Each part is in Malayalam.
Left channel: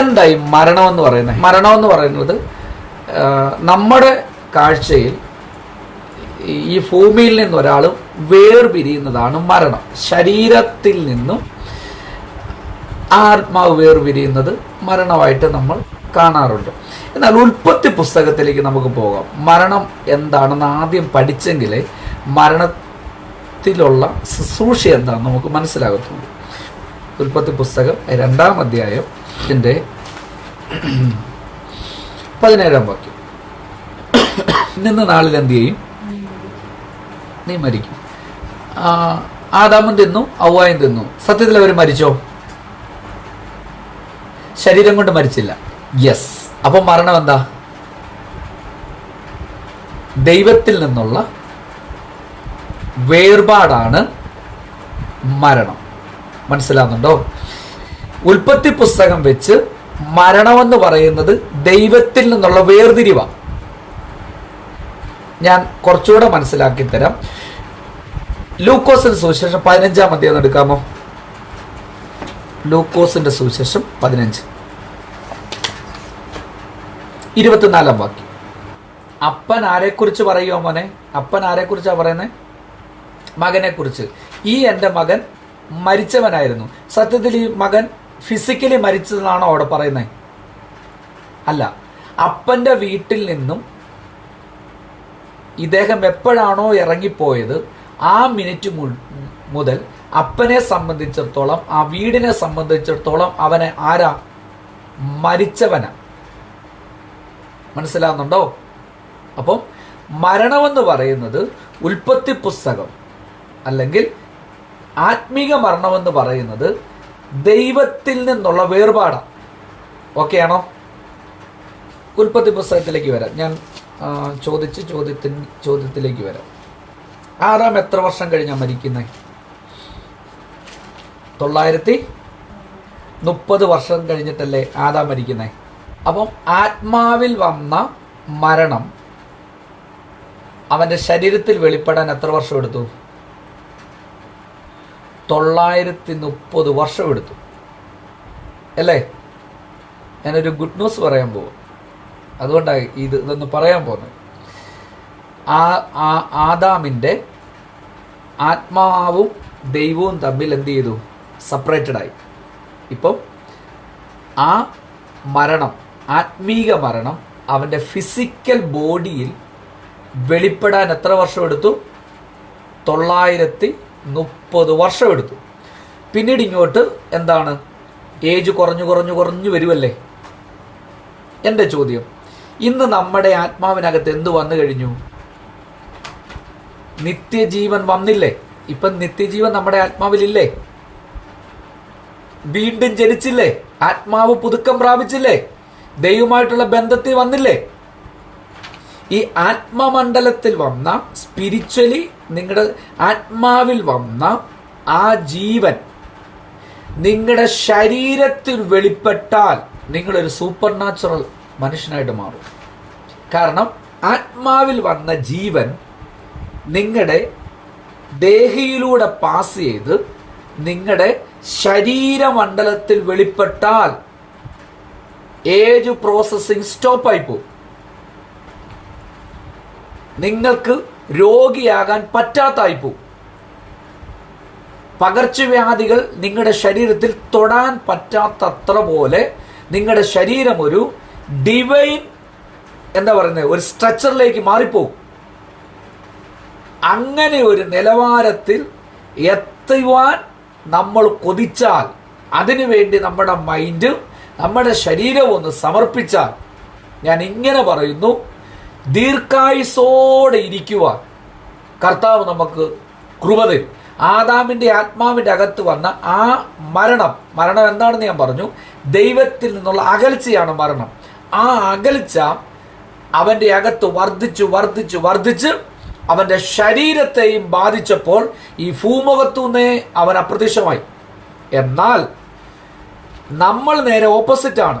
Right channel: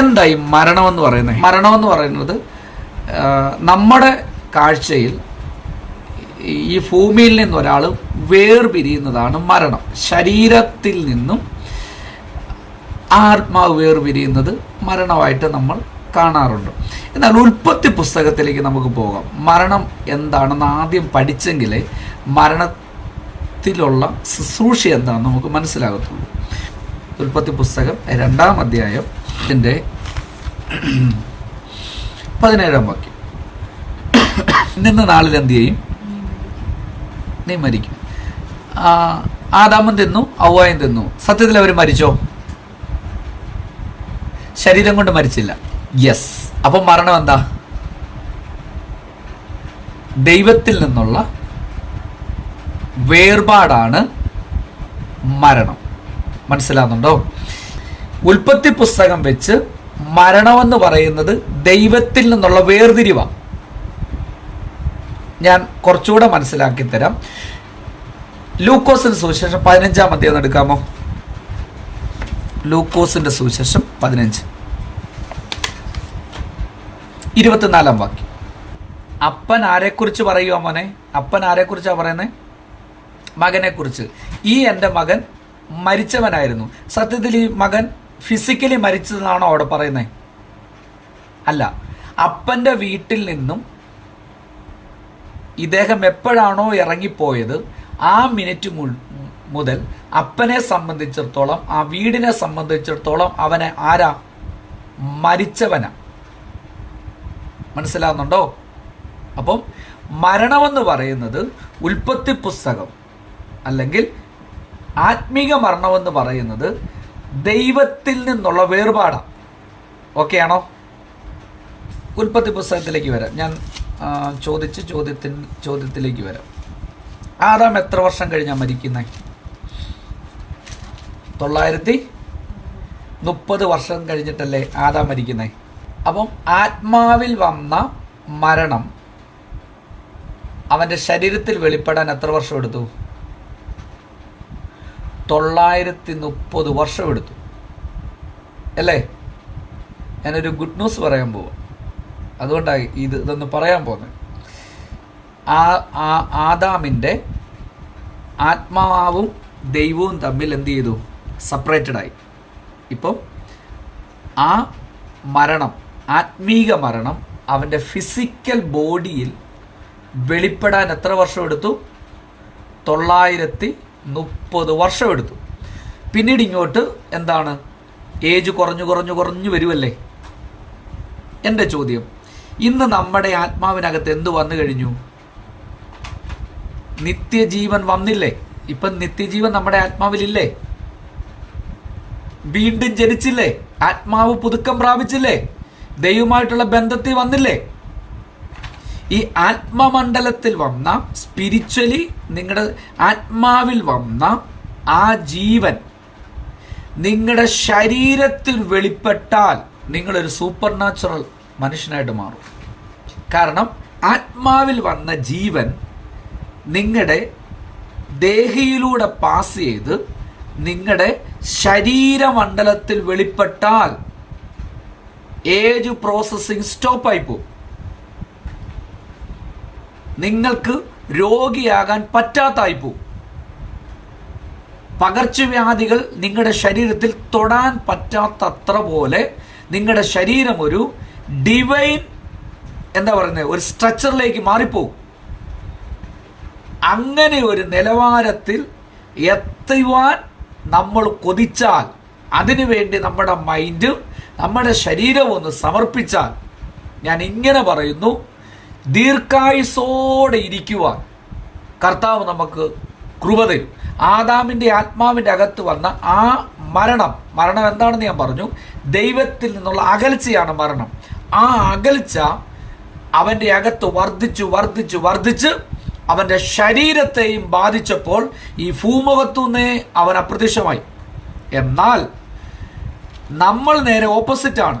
എന്തായി മരണം എന്ന് പറയുന്നത്? മരണം എന്ന് പറയുന്നത് നമ്മുടെ കാഴ്ചയിൽ ഈ ഭൂമിയിൽ നിന്ന് ഒരാൾ വേർപിരിയുന്നതാണ് മരണം. ശരീരത്തിൽ നിന്നും ആത്മാവ് വേർപിരിയുന്നത് മരണമായിട്ട് നമ്മൾ കാണാറുണ്ട്. എന്നാൽ ഉൽപ്പത്തി പുസ്തകത്തിലേക്ക് നമുക്ക് പോകാം. മരണം എന്താണെന്ന് ആദ്യം പഠിച്ചെങ്കിലേ മരണത്തിലുള്ള ശുശ്രൂഷ എന്താണെന്ന് നമുക്ക് മനസ്സിലാകത്തുള്ളൂ. ഉൽപ്പത്തി പുസ്തകം 2-ാം അധ്യായം 17-ാം വാക്യം. ഇന്ന നാളിൽ എന്ത് ചെയ്യും? നീ മരിക്കും. ആദാമും തിന്നു, ഹവ്വായും തിന്നു. സത്യത്തിൽ അവർ മരിച്ചോ? ശരീരം കൊണ്ട് മരിച്ചില്ല. യെസ്. അപ്പൊ മരണം എന്താ? ദൈവത്തിൽ നിന്നുള്ള വേർപാടാണ് മരണം. മനസ്സിലാകുന്നുണ്ടോ? ഉൽപ്പത്തി പുസ്തകം വെച്ച് മരണമെന്ന് പറയുന്നത് ദൈവത്തിൽ നിന്നുള്ള വേർതിരിവാണ്. ഞാൻ കുറച്ചുകൂടെ മനസ്സിലാക്കി തരാം. ലൂക്കോസിന്റെ സുവിശേഷം 15-ാം അധ്യായം എടുക്കാമോ? ലൂക്കോസിന്റെ സുവിശേഷം 15:24 വാക്യം. അപ്പൻ ആരെക്കുറിച്ച് പറയുക മോനെ? അപ്പൻ ആരെക്കുറിച്ചാണ് പറയുന്നത്? മകനെ കുറിച്ച്. ഈ എൻ്റെ മകൻ മരിച്ചവനായിരുന്നു. സത്യത്തിൽ ഈ മകൻ ഫിസിക്കലി മരിച്ചതെന്നാണോ അവിടെ പറയുന്നത്? അല്ല. അപ്പന്റെ വീട്ടിൽ നിന്നും ഇദ്ദേഹം എപ്പോഴാണോ ഇറങ്ങിപ്പോയത് ആ മിനിറ്റ് മുതൽ അപ്പനെ സംബന്ധിച്ചിടത്തോളം, ആ വീടിനെ സംബന്ധിച്ചിടത്തോളം അവനെ ആരാ? മരിച്ചവനാ. മനസ്സിലാകുന്നുണ്ടോ? അപ്പം മരണമെന്ന് പറയുന്നത് ഉൽപ്പത്തി പുസ്തകം അല്ലെങ്കിൽ ആത്മീക മരണമെന്ന് പറയുന്നത് ദൈവത്തിൽ നിന്നുള്ള വേർപാടാണ്. ഓക്കെ ആണോ? ഉൽപ്പത്തി പുസ്തകത്തിലേക്ക് വരാം. ഞാൻ ചോദ്യത്തിലേക്ക് വരാം. ആദാം എത്ര വർഷം കഴിഞ്ഞാ മരിക്കുന്നത്? 930 വർഷം കഴിഞ്ഞിട്ടല്ലേ ആദാം മരിക്കുന്നത്? അപ്പം ആത്മാവിൽ വന്ന മരണം അവന്റെ ശരീരത്തിൽ വെളിപ്പെടാൻ എത്ര വർഷം എടുത്തു? 930 വർഷം എടുത്തു അല്ലേ? ഞാനൊരു ഗുഡ് ന്യൂസ് പറയാൻ പോകും. അതുകൊണ്ടാണ് ഇതൊന്ന് പറയാൻ പോകുന്നത്. ആദാമിന്റെ ആത്മാവും ദൈവവും തമ്മിൽ എന്ത് ചെയ്തു? സെപ്പറേറ്റഡ് ആയി. ഇപ്പം ആ മരണം, ആത്മീക മരണം അവന്റെ ഫിസിക്കൽ ബോഡിയിൽ വെളിപ്പെടാൻ എത്ര വർഷം എടുത്തു? 930 വർഷം എടുത്തു. പിന്നീട് ഇങ്ങോട്ട് എന്താണ്? ഏജ് കുറഞ്ഞു വരുമല്ലേ? എൻ്റെ ചോദ്യം, ഇന്ന് നമ്മുടെ ആത്മാവിനകത്ത് എന്ത് വന്നു കഴിഞ്ഞു? നിത്യജീവൻ വന്നില്ലേ? ഇപ്പം നിത്യജീവൻ നമ്മുടെ ആത്മാവിലില്ലേ? വീണ്ടും ജനിച്ചില്ലേ? ആത്മാവ് പുതുക്കം പ്രാപിച്ചില്ലേ? ദൈവമായിട്ടുള്ള ബന്ധത്തിൽ വന്നില്ലേ? ഈ ആത്മമണ്ഡലത്തിൽ വന്ന, സ്പിരിച്വലി നിങ്ങളുടെ ആത്മാവിൽ വന്ന ആ ജീവൻ നിങ്ങളുടെ ശരീരത്തിൽ വെളിപ്പെട്ടാൽ നിങ്ങളൊരു സൂപ്പർ നാച്ചുറൽ മനുഷ്യനായിട്ട് മാറും. കാരണം ആത്മാവിൽ വന്ന ജീവൻ നിങ്ങളുടെ ദേഹിയിലൂടെ പാസ് ചെയ്ത് നിങ്ങളുടെ ശരീരമണ്ഡലത്തിൽ വെളിപ്പെട്ടാൽ ഏജ് പ്രോസസ്സിംഗ് സ്റ്റോപ്പായി പോകും. നിങ്ങൾക്ക് രോഗിയാകാൻ പറ്റാത്തായി പോകും. പകർച്ചവ്യാധികൾ നിങ്ങളുടെ ശരീരത്തിൽ തൊടാൻ പറ്റാത്തത്ര പോലെ നിങ്ങളുടെ ശരീരം ഒരു ഡിവൈൻ ഒരു സ്ട്രക്ചറിലേക്ക് മാറിപ്പോകും. അങ്ങനെ ഒരു നിലവാരത്തിൽ എത്തുവാൻ നമ്മൾ കൊതിച്ചാൽ, അതിനുവേണ്ടി നമ്മുടെ മൈൻഡും നമ്മുടെ ശരീരവും ഒന്ന് സമർപ്പിച്ചാൽ, ഞാൻ ഇങ്ങനെ പറയുന്നു, ദീർഘായുസോടെ ഇരിക്കുവാൻ കർത്താവ് നമുക്ക് കൃപ തരും. ആദാമിന്റെ ആത്മാവിന്റെ അകത്ത് വന്ന ആ മരണം എന്താണെന്ന് ഞാൻ പറഞ്ഞു. ദൈവത്തിൽ നിന്നുള്ള അകൽച്ചയാണ് മരണം. ആ അകൽച്ച അവന്റെ അകത്ത് വർദ്ധിച്ച് അവന്റെ ശരീരത്തെയും ബാധിച്ചപ്പോൾ ഈ ഭൂമുഖത്തുനിന്നേ അവൻ അപ്രത്യക്ഷമായി. എന്നാൽ നമ്മൾ നേരെ ഓപ്പോസിറ്റാണ്.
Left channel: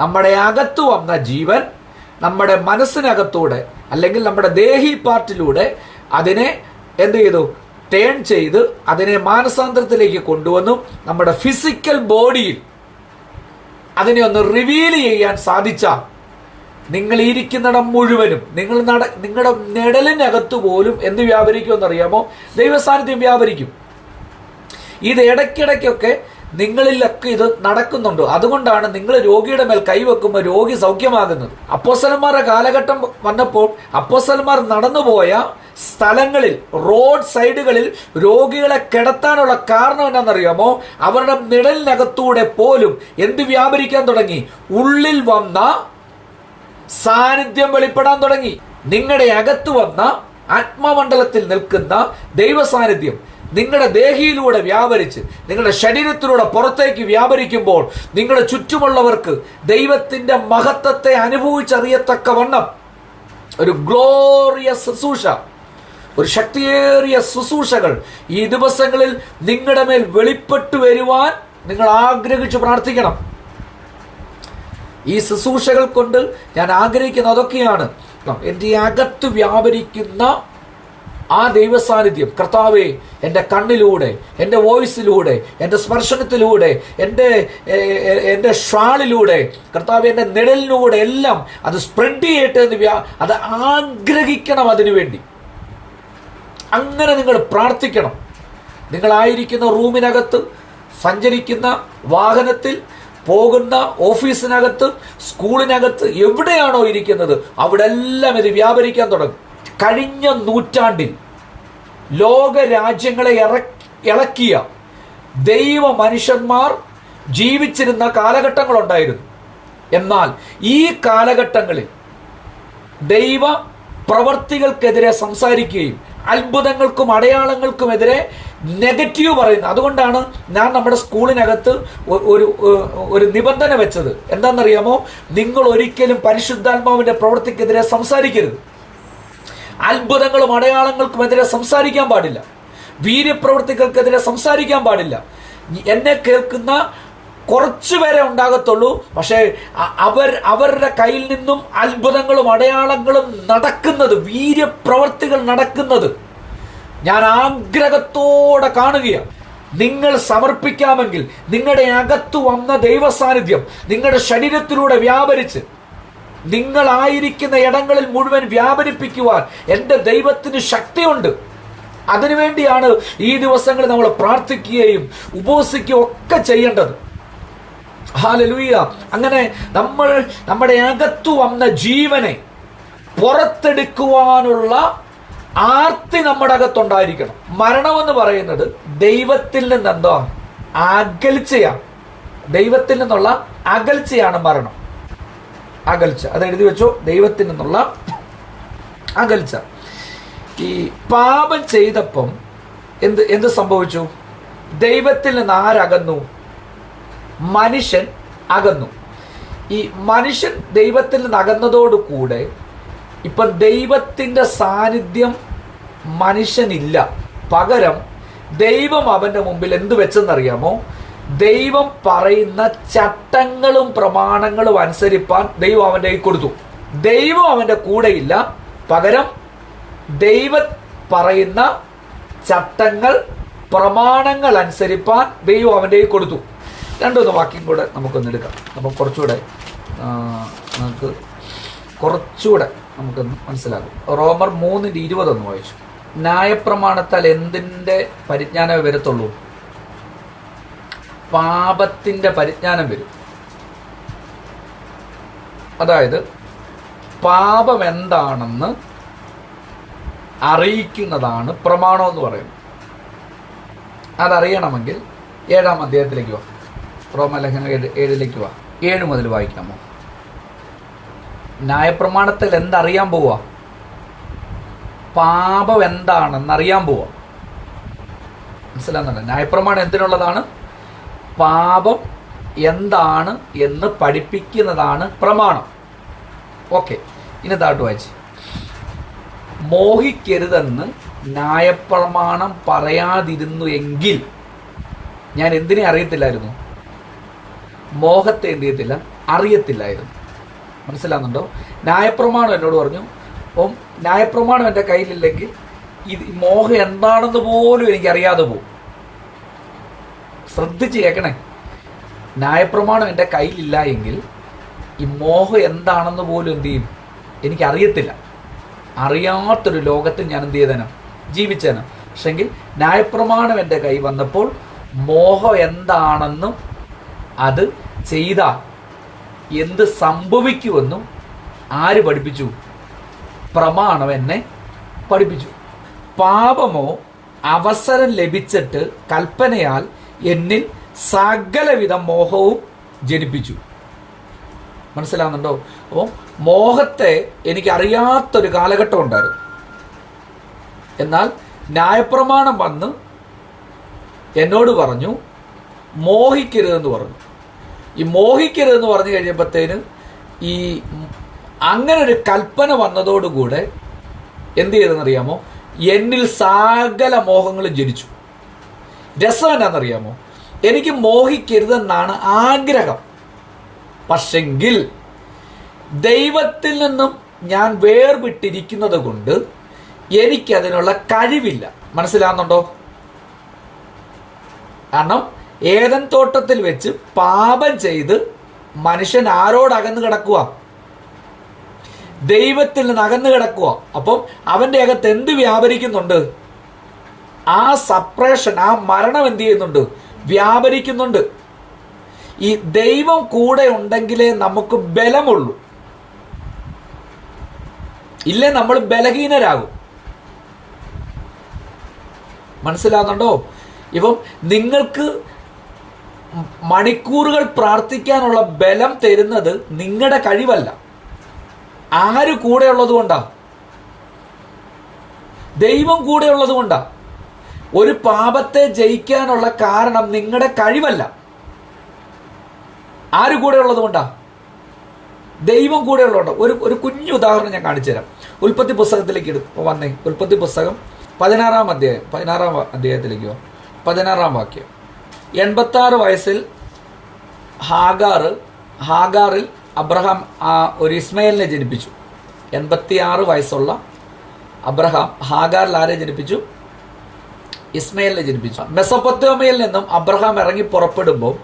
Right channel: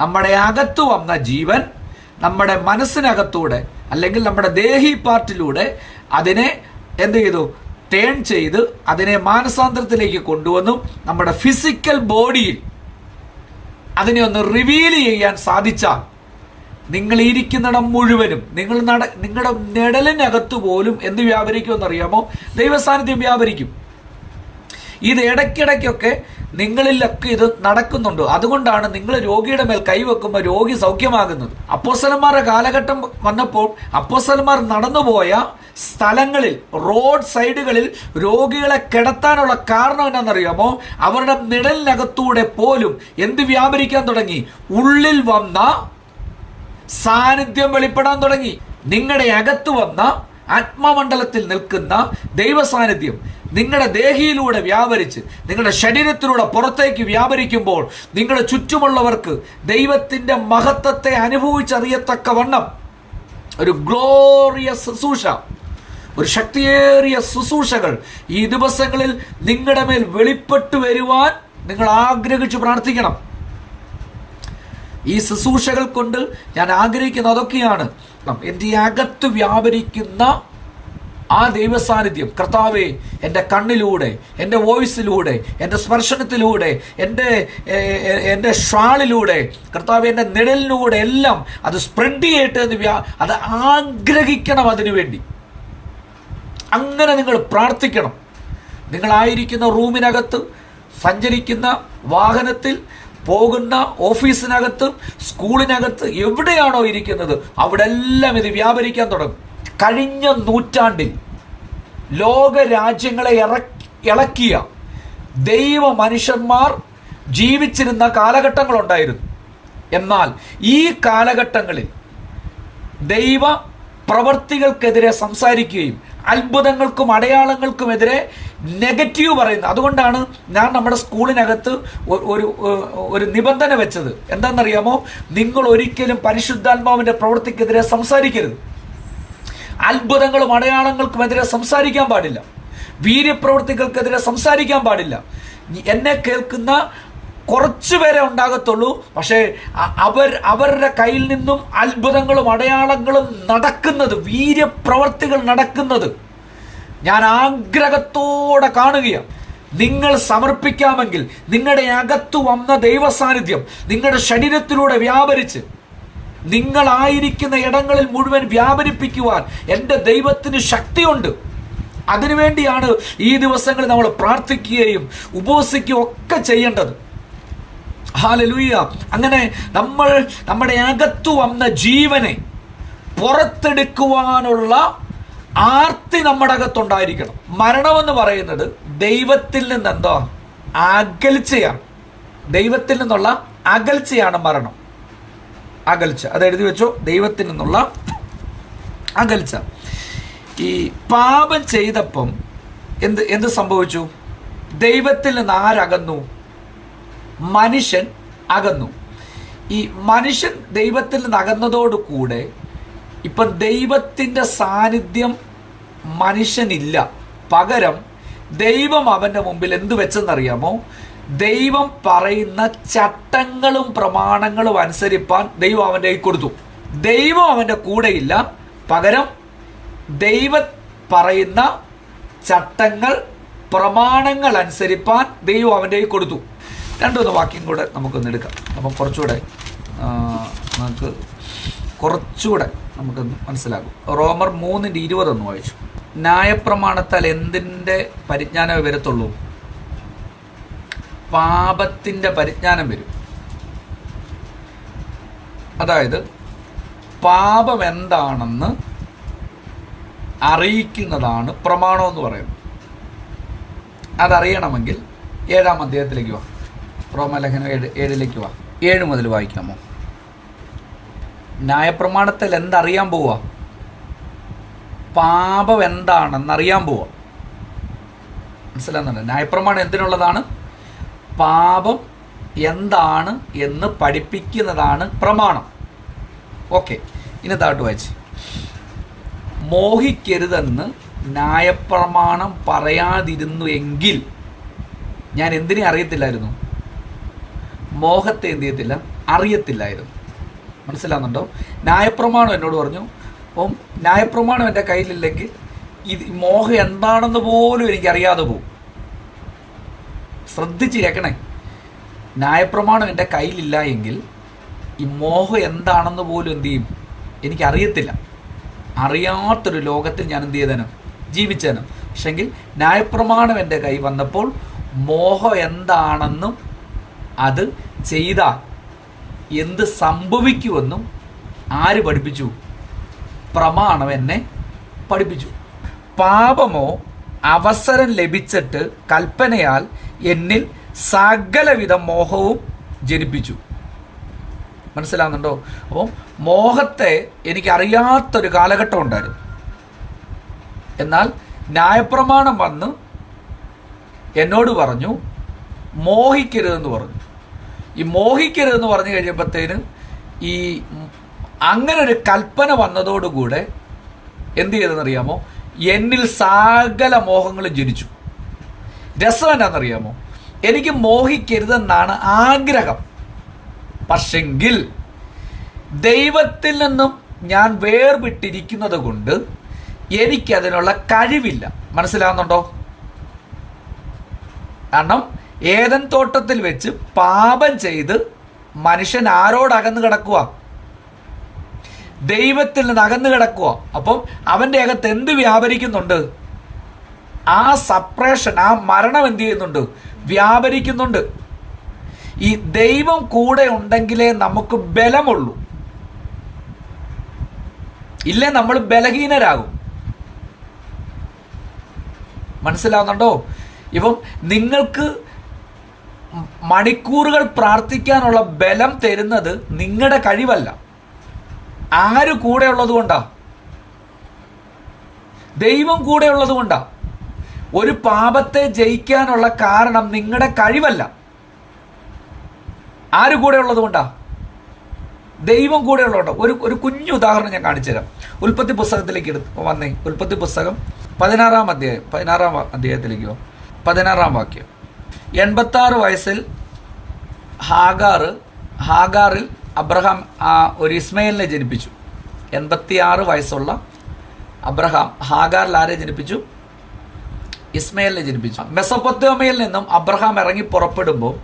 നമ്മുടെ അകത്ത് വന്ന ജീവൻ നമ്മുടെ മനസ്സിനകത്തൂടെ അല്ലെങ്കിൽ നമ്മുടെ ദേഹി പാർട്ടിലൂടെ അതിനെ എന്ത് ചെയ്തു? ടേൺ ചെയ്ത് അതിനെ മാനസാന്തരത്തിലേക്ക് കൊണ്ടുവന്നു നമ്മുടെ ഫിസിക്കൽ ബോഡിയിൽ അതിനെ ഒന്ന് റിവീൽ ചെയ്യാൻ സാധിച്ചാൽ നിങ്ങൾ ഇരിക്കുന്നിടം മുഴുവനും നിങ്ങളുടെ നിഴലിനകത്ത് പോലും എന്ത് വ്യാപരിക്കുമെന്നറിയാമോ? ദൈവസാന്നിധ്യം വ്യാപരിക്കും. ഇത് ഇടയ്ക്കിടയ്ക്കൊക്കെ നിങ്ങളിലൊക്കെ ഇത് നടക്കുന്നുണ്ട്. അതുകൊണ്ടാണ് നിങ്ങൾ രോഗിയുടെ മേൽ കൈവെക്കുമ്പോൾ രോഗി സൗഖ്യമാകുന്നത്. അപ്പോസ്തലന്മാരുടെ കാലഘട്ടം വന്നപ്പോൾ അപ്പോസ്തലന്മാർ നടന്നുപോയ സ്ഥലങ്ങളിൽ, റോഡ് സൈഡുകളിൽ രോഗികളെ കിടത്താനുള്ള കാരണം എന്താണെന്നറിയാമോ? അവരുടെ നിഴലിനകത്തൂടെ പോലും എന്ത് വ്യാപരിക്കാൻ തുടങ്ങി? ഉള്ളിൽ വന്ന സാന്നിധ്യം വെളിപ്പെടാൻ തുടങ്ങി. നിങ്ങളുടെ അകത്ത് വന്ന ആത്മമണ്ഡലത്തിൽ നിൽക്കുന്ന ദൈവ സാന്നിധ്യം നിങ്ങളുടെ ദേഹിയിലൂടെ വ്യാപരിച്ച് നിങ്ങളുടെ ശരീരത്തിലൂടെ പുറത്തേക്ക് വ്യാപരിക്കുമ്പോൾ നിങ്ങളുടെ ചുറ്റുമുള്ളവർക്ക് ദൈവത്തിന്റെ മഹത്വത്തെ അനുഭവിച്ചറിയത്തക്കവണ്ണം ഒരു ഗ്ലോറിയസ് ശുശ്രൂഷ, ഒരു ശക്തിയേറിയ ശുശ്രൂഷകൾ ഈ ദിവസങ്ങളിൽ നിങ്ങളുടെ മേൽ വെളിപ്പെട്ടു വരുവാൻ നിങ്ങൾ ആഗ്രഹിച്ചു പ്രാർത്ഥിക്കണം. ഈ ശുശ്രൂഷകൾ കൊണ്ട് ഞാൻ ആഗ്രഹിക്കുന്ന അതൊക്കെയാണ്, എൻ്റെ അകത്ത് വ്യാപരിക്കുന്ന ആ ദൈവ സാന്നിധ്യം. കർത്താവേ, എൻ്റെ കണ്ണിലൂടെ, എൻ്റെ വോയിസിലൂടെ, എൻ്റെ സ്പർശനത്തിലൂടെ, എൻ്റെ ഷ്വാളിലൂടെ, കർത്താവേ എൻ്റെ നിഴലിലൂടെ എല്ലാം അത് സ്പ്രെഡ് ചെയ്യട്ടെ എന്ന് അത് ആഗ്രഹിക്കണം. അതിനുവേണ്ടി അങ്ങനെ നിങ്ങൾ പ്രാർത്ഥിക്കണം. നിങ്ങളായിരിക്കുന്ന റൂമിനകത്ത്, സഞ്ചരിക്കുന്ന വാഹനത്തിൽ, പോകുന്ന ഓഫീസിനകത്ത്, സ്കൂളിനകത്ത്, എവിടെയാണോ ഇരിക്കുന്നത് അവിടെ എല്ലാം ഇത് വ്യാപരിക്കാൻ തുടങ്ങും. കഴിഞ്ഞ നൂറ്റാണ്ടിൽ ലോക രാജ്യങ്ങളെ ഇളക്കിയ ദൈവ മനുഷ്യന്മാർ ജീവിച്ചിരുന്ന കാലഘട്ടങ്ങളുണ്ടായിരുന്നു. എന്നാൽ ഈ കാലഘട്ടങ്ങളിൽ ദൈവ പ്രവർത്തികൾക്കെതിരെ സംസാരിക്കുകയും അത്ഭുതങ്ങൾക്കും അടയാളങ്ങൾക്കുമെതിരെ നെഗറ്റീവ് പറയുന്നത്. അതുകൊണ്ടാണ് ഞാൻ നമ്മുടെ സ്കൂളിനകത്ത് ഒരു നിബന്ധന വെച്ചത്. എന്താണെന്നറിയാമോ? നിങ്ങൾ ഒരിക്കലും പരിശുദ്ധാത്മാവിന്റെ പ്രവൃത്തിക്കെതിരെ സംസാരിക്കരുത്. അത്ഭുതങ്ങളും അടയാളങ്ങൾക്കുമെതിരെ സംസാരിക്കാൻ പാടില്ല. വീര്യപ്രവൃത്തികൾക്കെതിരെ സംസാരിക്കാൻ പാടില്ല. എന്നെ കേൾക്കുന്ന കുറച്ചുപേരെ ഉണ്ടാകത്തുള്ളൂ. പക്ഷേ അവരുടെ കയ്യിൽ നിന്നും അത്ഭുതങ്ങളും അടയാളങ്ങളും നടക്കുന്നത്, വീര്യപ്രവൃത്തികൾ നടക്കുന്നത് ഞാൻ ആഗ്രഹത്തോടെ കാണുകയാണ്. നിങ്ങൾ സമർപ്പിക്കാമെങ്കിൽ നിങ്ങളുടെ അകത്തു വന്ന ദൈവ സാന്നിധ്യം നിങ്ങളുടെ ശരീരത്തിലൂടെ വ്യാപരിച്ച് നിങ്ങളായിരിക്കുന്ന ഇടങ്ങളിൽ മുഴുവൻ വ്യാപരിപ്പിക്കുവാൻ എൻ്റെ ദൈവത്തിന് ശക്തിയുണ്ട്. അതിനുവേണ്ടിയാണ് ഈ ദിവസങ്ങളിൽ നമ്മൾ പ്രാർത്ഥിക്കുകയും ഉപവസിക്കുകയും ഒക്കെ ചെയ്യേണ്ടത്. ഹല്ലേലൂയ. അങ്ങനെ നമ്മുടെ അകത്തു വന്ന ജീവനെ പുറത്തെടുക്കുവാനുള്ള ആർത്തി നമ്മുടെ അകത്തുണ്ടായിരിക്കണം. മരണമെന്ന് പറയുന്നത് ദൈവത്തിൽ നിന്ന് എന്താ? അകൽച്ചയാണ്. ദൈവത്തിൽ നിന്നുള്ള അകൽച്ചയാണ് മരണം. അകൽച്ച, അത് എഴുതി വെച്ചോ. ദൈവത്തിൽ നിന്നുള്ള അകൽച്ച. ഈ പാപം ചെയ്തപ്പം എന്ത് സംഭവിച്ചു? ദൈവത്തിൽ നിന്ന് ആരകന്നു? മനുഷ്യൻ അകന്നു. ഈ മനുഷ്യൻ ദൈവത്തിൽ നിന്ന് അകന്നതോടുകൂടെ ഇപ്പം ദൈവത്തിന്റെ സാന്നിധ്യം മനുഷ്യനില്ല. പകരം ദൈവം അവന്റെ മുമ്പിൽ എന്ത് വെച്ചെന്നറിയാമോ? ദൈവം പറയുന്ന ചട്ടങ്ങളും പ്രമാണങ്ങളും അനുസരിപ്പാൻ ദൈവം അവന്റെ കൈ കൊടുത്തു. ദൈവം അവന്റെ കൂടെയില്ല. പകരം ദൈവം പറയുന്ന ചട്ടങ്ങൾ, പ്രമാണങ്ങൾ അനുസരിപ്പാൻ ദൈവം അവന്റെ കൈ കൊടുത്തു. രണ്ടൊന്ന് വാക്യം കൂടെ നമുക്കൊന്ന് എടുക്കാം. നമുക്ക് കുറച്ചുകൂടെ നമുക്കൊന്ന് മനസ്സിലാകും. റോമർ 3:20 വായിച്ചു. ന്യായപ്രമാണത്താൽ എന്തിൻ്റെ പരിജ്ഞാനമേ വരത്തുള്ളൂ? പാപത്തിന്റെ പരിജ്ഞാനം വരും. അതായത് പാപം എന്താണെന്ന് അറിയിക്കുന്നതാണ് പ്രമാണം എന്ന് പറയുന്നത്. അതറിയണമെങ്കിൽ 7-ാം അധ്യായത്തിലേക്ക് വാ. റോമലേഖനം 7 വാ. 7 മുതൽ വായിക്കാമോ? ന്യായപ്രമാണത്തിൽ എന്തറിയാൻ പോവാ? പാപം എന്താണെന്നറിയാൻ പോവാ. മനസ്സിലാകുന്നുണ്ട്? ന്യായപ്രമാണം എന്തിനുള്ളതാണ്? പാപം എന്താണ് എന്ന് പഠിപ്പിക്കുന്നതാണ് പ്രമാണം. ഓക്കെ, ഇനി താട്ട് വായിച്ച്. മോഹിക്കരുതെന്ന് ന്യായപ്രമാണം പറയാതിരുന്നു എങ്കിൽ ഞാൻ എന്തിനെ അറിയത്തില്ലായിരുന്നു? മോഹത്തെ എന്ത് ചെയ്യത്തില്ല? അറിയത്തില്ലായിരുന്നു. മനസ്സിലാകുന്നുണ്ടോ? ന്യായപ്രമാണം എന്നോട് പറഞ്ഞു, അപ്പം ന്യായപ്രമാണം എൻ്റെ കയ്യിലില്ലെങ്കിൽ ഇത് മോഹം എന്താണെന്ന് പോലും എനിക്കറിയാതെ പോകും. ശ്രദ്ധിച്ച് കേൾക്കണേ. ന്യായപ്രമാണം എൻ്റെ കയ്യിലില്ല എങ്കിൽ ഈ മോഹം എന്താണെന്ന് പോലും എന്ത് ചെയ്യും, എനിക്കറിയത്തില്ല. അറിയാത്തൊരു ലോകത്തിൽ ഞാൻ എന്ത് ചെയ്തേനം, ജീവിച്ചേനം. പക്ഷെങ്കിൽ ന്യായപ്രമാണം എൻ്റെ കൈ വന്നപ്പോൾ മോഹം എന്താണെന്നും അത് ചെയ്താൽ എന്ത് സംഭവിക്കുമെന്നും ആര് പഠിപ്പിച്ചു? പ്രമാണം എന്നെ പഠിപ്പിച്ചു. പാപമോ അവസരം ലഭിച്ചിട്ട് കൽപ്പനയാൽ എന്നിൽ സകലവിധ മോഹവും ജനിപ്പിച്ചു. മനസ്സിലാവുന്നുണ്ടോ? അപ്പോൾ മോഹത്തെ എനിക്കറിയാത്തൊരു കാലഘട്ടം ഉണ്ടായിരുന്നു. എന്നാൽ ന്യായപ്രമാണം വന്ന് എന്നോട് പറഞ്ഞു മോഹിക്കരുതെന്ന് പറഞ്ഞു. ഈ മോഹിക്കരുതെന്ന് പറഞ്ഞു കഴിഞ്ഞപ്പോഴത്തേന് ഈ അങ്ങനെ ഒരു കൽപ്പന വന്നതോടുകൂടെ എന്ത് ചെയ്തെന്നറിയാമോ? എന്നിൽ സകല മോഹങ്ങളും ജനിച്ചു. രസം എന്നാണെന്നറിയാമോ? എനിക്ക് മോഹിക്കരുതെന്നാണ് ആഗ്രഹം. പക്ഷെങ്കിൽ ദൈവത്തിൽ നിന്നും ഞാൻ വേർവിട്ടിരിക്കുന്നത് കൊണ്ട് എനിക്കതിനുള്ള കഴിവില്ല. മനസ്സിലാവുന്നുണ്ടോ? കാരണം ഏദൻ തോട്ടത്തിൽ വെച്ച് പാപം ചെയ്ത് മനുഷ്യൻ ആരോടകന്ന് കിടക്കുക? ദൈവത്തിൽ നിന്ന് അകന്ന് കിടക്കുക. അപ്പം അവന്റെ അകത്ത് എന്ത് വ്യാപരിക്കുന്നുണ്ട്? ആ സപ്രേഷൻ, ആ മരണം എന്ത് ചെയ്യുന്നുണ്ട്? വ്യാപരിക്കുന്നുണ്ട്. ഈ ദൈവം കൂടെ ഉണ്ടെങ്കിലേ നമുക്ക് ബലമുള്ളൂ, ഇല്ലേ നമ്മൾ ബലഹീനരാകും. മനസ്സിലാവുന്നുണ്ടോ? ഇപ്പം നിങ്ങൾക്ക് മണിക്കൂറുകൾ പ്രാർത്ഥിക്കാനുള്ള ബലം തരുന്നത് നിങ്ങളുടെ കഴിവല്ല. ആര് കൂടെ ഉള്ളത് കൊണ്ടാ? ദൈവം കൂടെ ഉള്ളത് കൊണ്ടാ. ഒരു പാപത്തെ ജയിക്കാനുള്ള കാരണം നിങ്ങളുടെ കഴിവല്ല. ആര് കൂടെ ഉള്ളത് കൊണ്ടാ? ദൈവം കൂടെ ഉള്ളതുകൊണ്ടോ. ഒരു കുഞ്ഞു ഉദാഹരണം ഞാൻ കാണിച്ചു തരാം. ഉൽപ്പത്തി പുസ്തകത്തിലേക്ക് വന്നേ. ഉൽപ്പത്തി പുസ്തകം 16-ാം അധ്യായത്തിലേക്ക് 16-ാം വാക്യം. 86 വയസ്സിൽ ഹാഗാറിൽ അബ്രഹാം ഒരു ഇസ്മയിലിനെ ജനിപ്പിച്ചു. 86 വയസ്സുള്ള അബ്രഹാം ഹാഗാറിൽ ആരെ ജനിപ്പിച്ചു? ഇസ്മയിലിനെ ജനിപ്പിച്ചു. മെസൊപ്പൊത്താമിയയിൽ നിന്നും അബ്രഹാം ഇറങ്ങി പുറപ്പെടുമ്പോൾ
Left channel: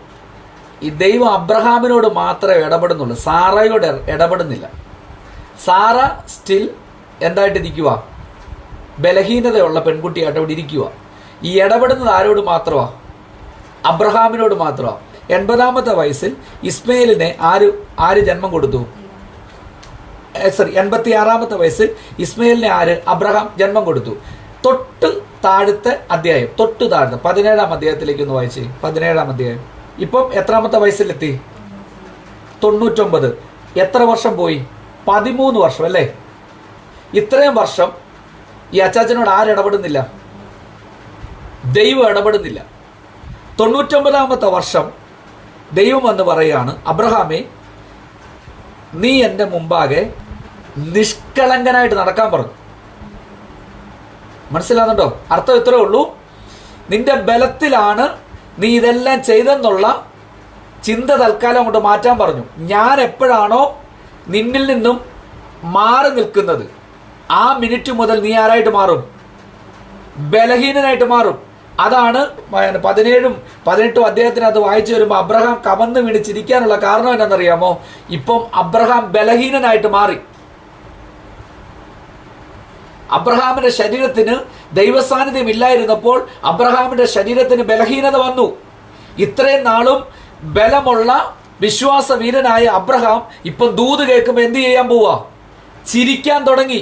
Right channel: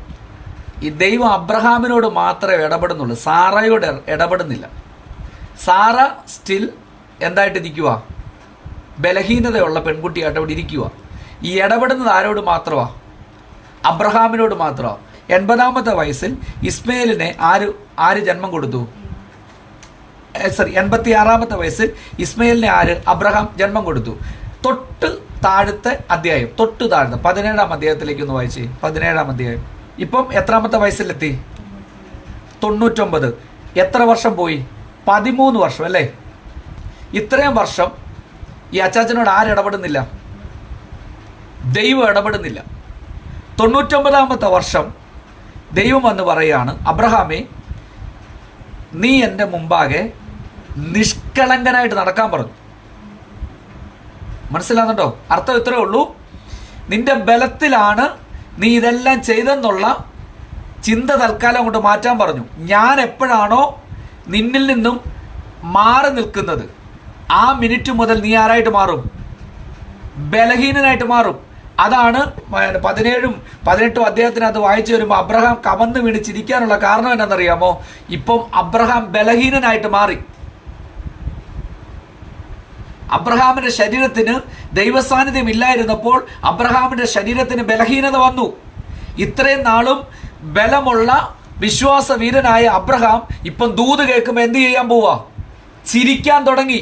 ഈ ദൈവം അബ്രഹാമിനോട് മാത്രമേ ഇടപെടുന്നുള്ളൂ, സാറയോട് ഇടപെടുന്നില്ല. Sara still എന്തായിട്ടിരിക്കുക? ബലഹീനതയുള്ള പെൺകുട്ടിയായിട്ട് അവിടെ ഇരിക്കുക. ഈ ഇടപെടുന്നത് ആരോട് മാത്രമാ? അബ്രഹാമിനോട് മാത്രമാ. 80-ാമത്തെ വയസ്സിൽ ഇസ്മയിലിനെ ആര് ജന്മം കൊടുത്തു? 86-ാമത്തെ വയസ്സിൽ ഇസ്മയിലിനെ അബ്രഹാം ജന്മം കൊടുത്തു. തൊട്ട് താഴത്തെ അധ്യായം, 17-ാം അധ്യായത്തിലേക്ക് ഒന്ന് വായിച്ചേ. 17-ാം അധ്യായം. ഇപ്പം എത്രാമത്തെ വയസ്സിലെത്തി? 99. എത്ര വർഷം പോയി? 13 വർഷം അല്ലേ? ഇത്രയും വർഷം ഈ അച്ചാച്ചനോട് ആരിടപെടുന്നില്ല? ദൈവം ഇടപെടുന്നില്ല. 99-ാമത്തെ വർഷം ദൈവം വന്ന് പറയുകയാണ്, അബ്രഹാമേ, നീ എൻ്റെ മുമ്പാകെ നിഷ്കളങ്കനായിട്ട് നടക്കാൻ പറഞ്ഞു. മനസ്സിലാകുന്നുണ്ടോ? അർത്ഥം ഇത്രേ ഉള്ളൂ. നിന്റെ ബലത്തിലാണ് നീ ഇതെല്ലാം ചെയ്തെന്നുള്ള ചിന്ത തൽക്കാലം കൊണ്ട് മാറ്റാൻ പറഞ്ഞു. ഞാൻ എപ്പോഴാണോ നിന്നിൽ നിന്നും മാറി നിൽക്കുന്നത്, ആ മിനിറ്റ് മുതൽ നീ ആരായിട്ട് മാറും? ബലഹീനനായിട്ട് മാറും. അതാണ് 17-ഉം 18-ഉം അധ്യായത്തിനകത്ത് വായിച്ചു വരുമ്പോൾ അബ്രഹാം കമന്ന് വീണ് ചിരിക്കാനുള്ള കാരണം എന്താണെന്നറിയാമോ? ഇപ്പം അബ്രഹാം ബലഹീനനായിട്ട് മാറി. അബ്രഹാമിന്റെ ശരീരത്തിന് ദൈവസാന്നിധ്യം ഇല്ലായിരുന്നപ്പോൾ അബ്രഹാമിന്റെ ശരീരത്തിന് ബലഹീനത വന്നു. ഇത്രയും നാളും ബലമുള്ള വിശ്വാസ വീരനായ അബ്രഹാം ഇപ്പം ദൂത് കേൾക്കുമ്പോൾ എന്ത് ചെയ്യാൻ പോവാ? ചിരിക്കാൻ തുടങ്ങി.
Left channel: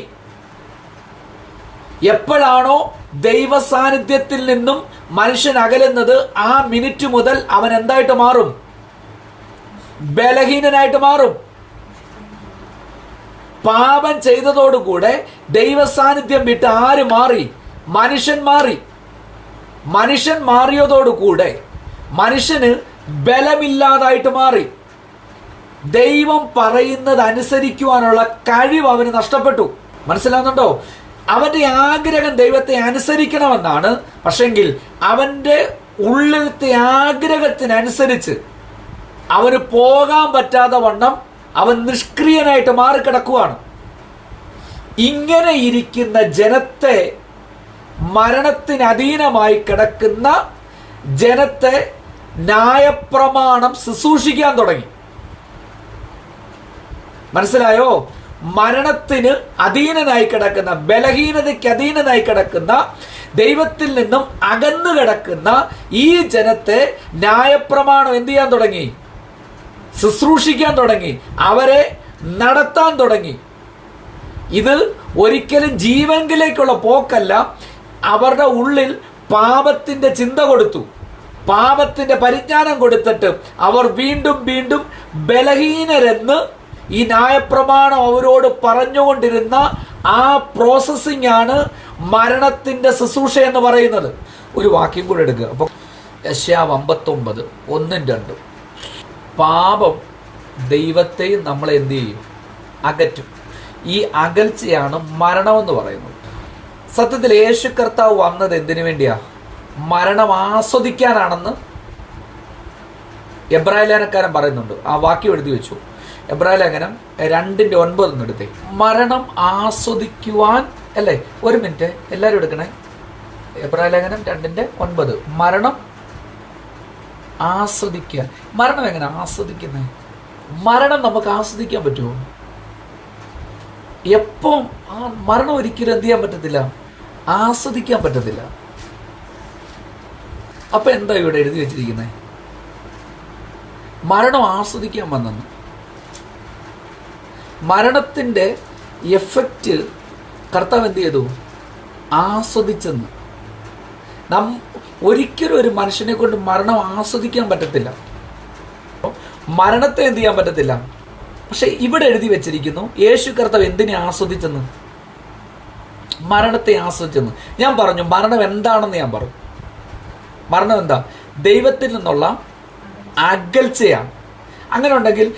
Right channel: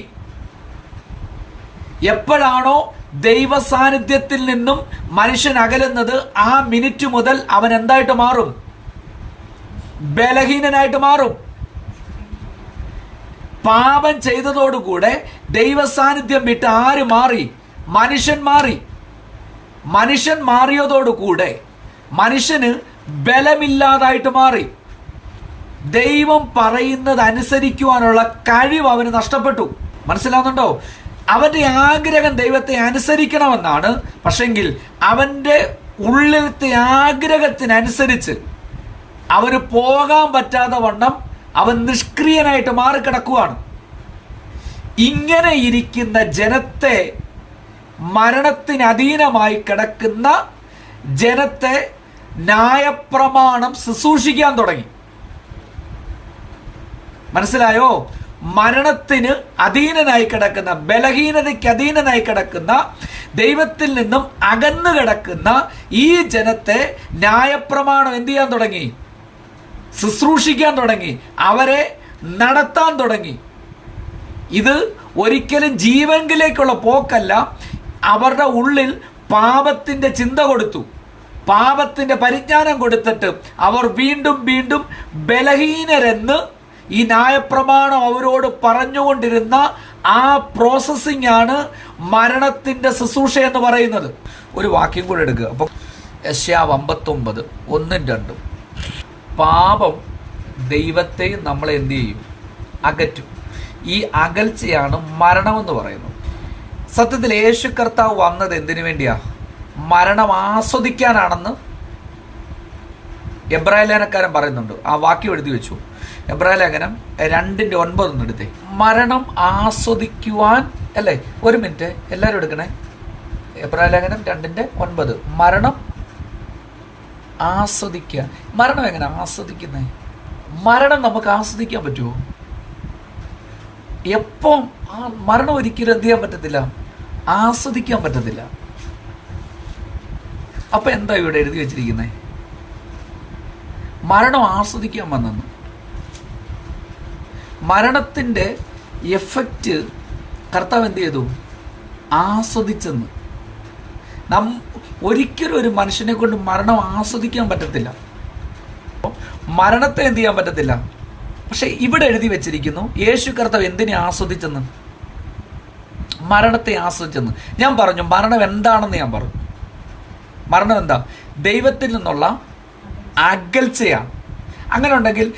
എപ്പോഴാണോ ദൈവ സാന്നിധ്യത്തിൽ നിന്നും മനുഷ്യൻ അകലുന്നത്, ആ മിനിറ്റ് മുതൽ അവൻ എന്തായിട്ട് മാറും? ബലഹീനനായിട്ട് മാറും. പാപം ചെയ്തതോടുകൂടെ ദൈവ സാന്നിധ്യം വിട്ട് ആര് മാറി? മനുഷ്യൻ മാറി. മനുഷ്യൻ മാറിയതോടുകൂടെ മനുഷ്യന് ബലമില്ലാതായിട്ട് മാറി. ദൈവം പറയുന്നത് അനുസരിക്കുവാനുള്ള കഴിവ് അവന് നഷ്ടപ്പെട്ടു. മനസ്സിലാവുന്നുണ്ടോ? അവന്റെ ആഗ്രഹം ദൈവത്തെ അനുസരിക്കണമെന്നാണ്. പക്ഷെങ്കിൽ അവന്റെ ഉള്ളിലത്തെ ആഗ്രഹത്തിനനുസരിച്ച് അവന് പോകാൻ പറ്റാതെ വണ്ണം അവൻ നിഷ്ക്രിയനായിട്ട് മാറിക്കിടക്കുവാണ്. ഇങ്ങനെ ഇരിക്കുന്ന ജനത്തെ, മരണത്തിന് അധീനമായി കിടക്കുന്ന ജനത്തെ ന്യായപ്രമാണം ശുശ്രൂഷിക്കാൻ തുടങ്ങി. മനസ്സിലായോ? മരണത്തിന് അധീനനായി കിടക്കുന്ന, ബലഹീനതയ്ക്ക് അധീനനായി കിടക്കുന്ന, ദൈവത്തിൽ നിന്നും അകന്നു കിടക്കുന്ന ഈ ജനത്തെ ന്യായപ്രമാണം എന്ത് ചെയ്യാൻ തുടങ്ങി? ശുശ്രൂഷിക്കാൻ തുടങ്ങി, അവരെ നടത്താൻ തുടങ്ങി. ഇത് ഒരിക്കലും ജീവങ്കിലേക്കുള്ള പോക്കല്ല. അവരുടെ ഉള്ളിൽ പാപത്തിന്റെ ചിന്ത കൊടുത്തു, പാപത്തിന്റെ പരിജ്ഞാനം കൊടുത്തിട്ട് അവർ വീണ്ടും വീണ്ടും ബലഹീനരെന്ന് ഈ ന്യായപ്രമാണം അവരോട് പറഞ്ഞുകൊണ്ടിരുന്ന ആ പ്രോസസ്സിംഗ് ആണ് മരണത്തിന്റെ ശുശ്രൂഷ എന്ന് പറയുന്നത്. ഒരു വാക്യം കൂടെ എടുക്കുക. അപ്പൊ യെശയ്യാവ് 59 1-2. പാപം ദൈവത്തെയും നമ്മളെ എന്ത് ചെയ്യും? അകറ്റും. ഈ അകൽച്ചയാണ് മരണമെന്ന് പറയുന്നത്. സത്യത്തിൽ യേശു കർത്താവ് വന്നത് എന്തിനു വേണ്ടിയാ? മരണം ആസ്വദിക്കാനാണെന്ന് എബ്രായ ലേഖനക്കാരൻ പറയുന്നുണ്ട്. ആ വാക്യം എഴുതി വെച്ചു. എബ്രായ ലേഖനം 2:9 എടുത്തേ. മരണം ആസ്വദിക്കുവാൻ അല്ലേ? ഒരു മിനിറ്റ് എല്ലാവരും എടുക്കണേ. എബ്രായ ലേഖനം 2:9. മരണം ആസ്വദിക്കാൻ. മരണം എങ്ങനെ ആസ്വദിക്കുന്നത്? മരണം നമുക്ക് ആസ്വദിക്കാൻ പറ്റുമോ? എപ്പം മരണം ഒരിക്കലും എന്ത് ചെയ്യാൻ പറ്റത്തില്ല, ആസ്വദിക്കാൻ പറ്റത്തില്ല. അപ്പൊ എന്താ ഇവിടെ എഴുതി വെച്ചിരിക്കുന്നത്? മരണം ആസ്വദിക്കാൻ വന്നെന്ന്. മരണത്തിന്റെ എഫക്റ്റ് കർത്താവ് എന്ത് ചെയ്തു? ആസ്വദിച്ചെന്ന്. ഒരിക്കലും ഒരു മനുഷ്യനെ കൊണ്ട് മരണം ആസ്വദിക്കാൻ പറ്റത്തില്ല, മരണത്തെ എന്ത് ചെയ്യാൻ പറ്റത്തില്ല. പക്ഷെ ഇവിടെ എഴുതി വെച്ചിരിക്കുന്നു യേശു കർത്താവ് എന്തിനെ ആസ്വദിച്ചെന്ന്? മരണത്തെ ആസ്വദിച്ചെന്ന്. ഞാൻ പറഞ്ഞു മരണം എന്താണെന്ന്. ഞാൻ പറഞ്ഞു മരണം എന്താ? ദൈവത്തിൽ നിന്നുള്ള അകൽച്ചയാണ്. അങ്ങനെ ഉണ്ടെങ്കിൽ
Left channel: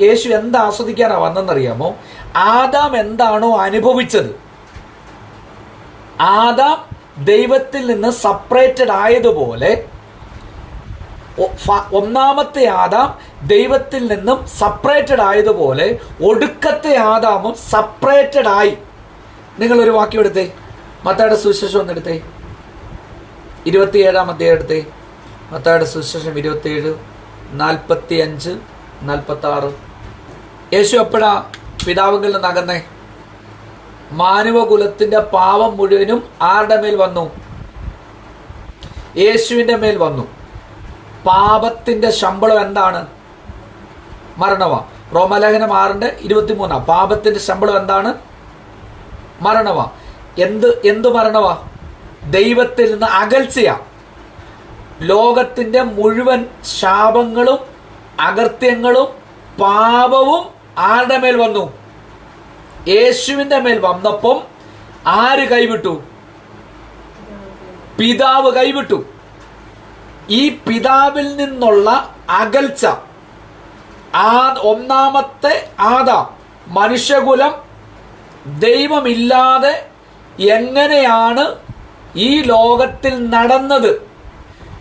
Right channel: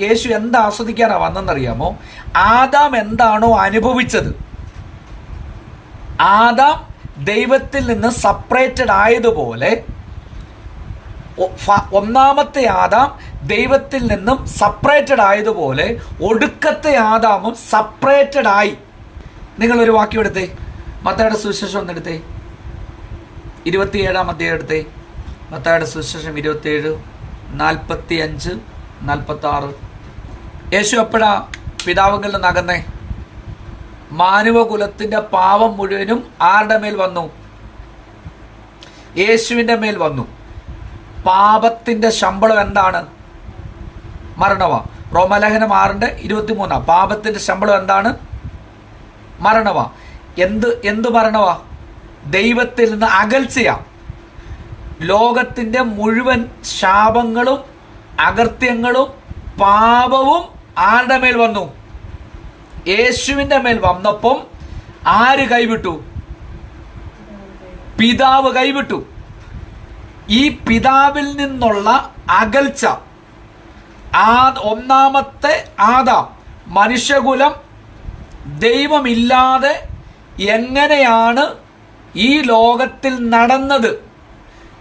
യേശു എന്താ ആസ്വദിക്കാനാ വന്നെന്നറിയാമോ? ആദാം എന്താണോ അനുഭവിച്ചത്, ആദാം ദൈവത്തിൽ നിന്ന് സെപ്പറേറ്റഡ് ആയതുപോലെ ഒന്നാമത്തെ ആദാം ദൈവത്തിൽ നിന്നും സെപ്പറേറ്റഡ് ആയതുപോലെ ഒടുക്കത്തെ ആദാമും സെപ്പറേറ്റഡ് ആയി. നിങ്ങളൊരു വാക്യം എടുത്തേ. മത്തായിയുടെ സുവിശേഷം ഒന്നെടുത്തേ. 27-ാം അധ്യായം എടുത്തേ. മത്തായിയുടെ സുവിശേഷം 27, 45, 46. യേശു എപ്പോഴാ പിതാവുകളിൽ നിന്ന് അകന്നേ? മാനവകുലത്തിന്റെ പാപം മുഴുവനും ആരുടെ മേൽ വന്നു? യേശുവിന്റെ മേൽ വന്നു. പാപത്തിന്റെ ശമ്പളം എന്താണ്? മരണവ. റോമലേഖനം 6:23. പാപത്തിന്റെ ശമ്പളം എന്താണ്? മരണവ. എന്ത് മരണവ? ദൈവത്തിൽ നിന്ന് അകൽച്ചയാ. ലോകത്തിന്റെ മുഴുവൻ ശാപങ്ങളും അകൃത്യങ്ങളും പാപവും ആരുടെ മേൽ വന്നു? യേശുവിന്റെ മേൽ വന്നപ്പം ആര് കൈവിട്ടു? പിതാവ് കൈവിട്ടു. ഈ പിതാവിൽ നിന്നുള്ള അകൽച്ച, ഒന്നാമത്തെ ആദാം, മനുഷ്യകുലം ദൈവമില്ലാതെ എങ്ങനെയാണ് ഈ ലോകത്തിൽ നടന്നത്,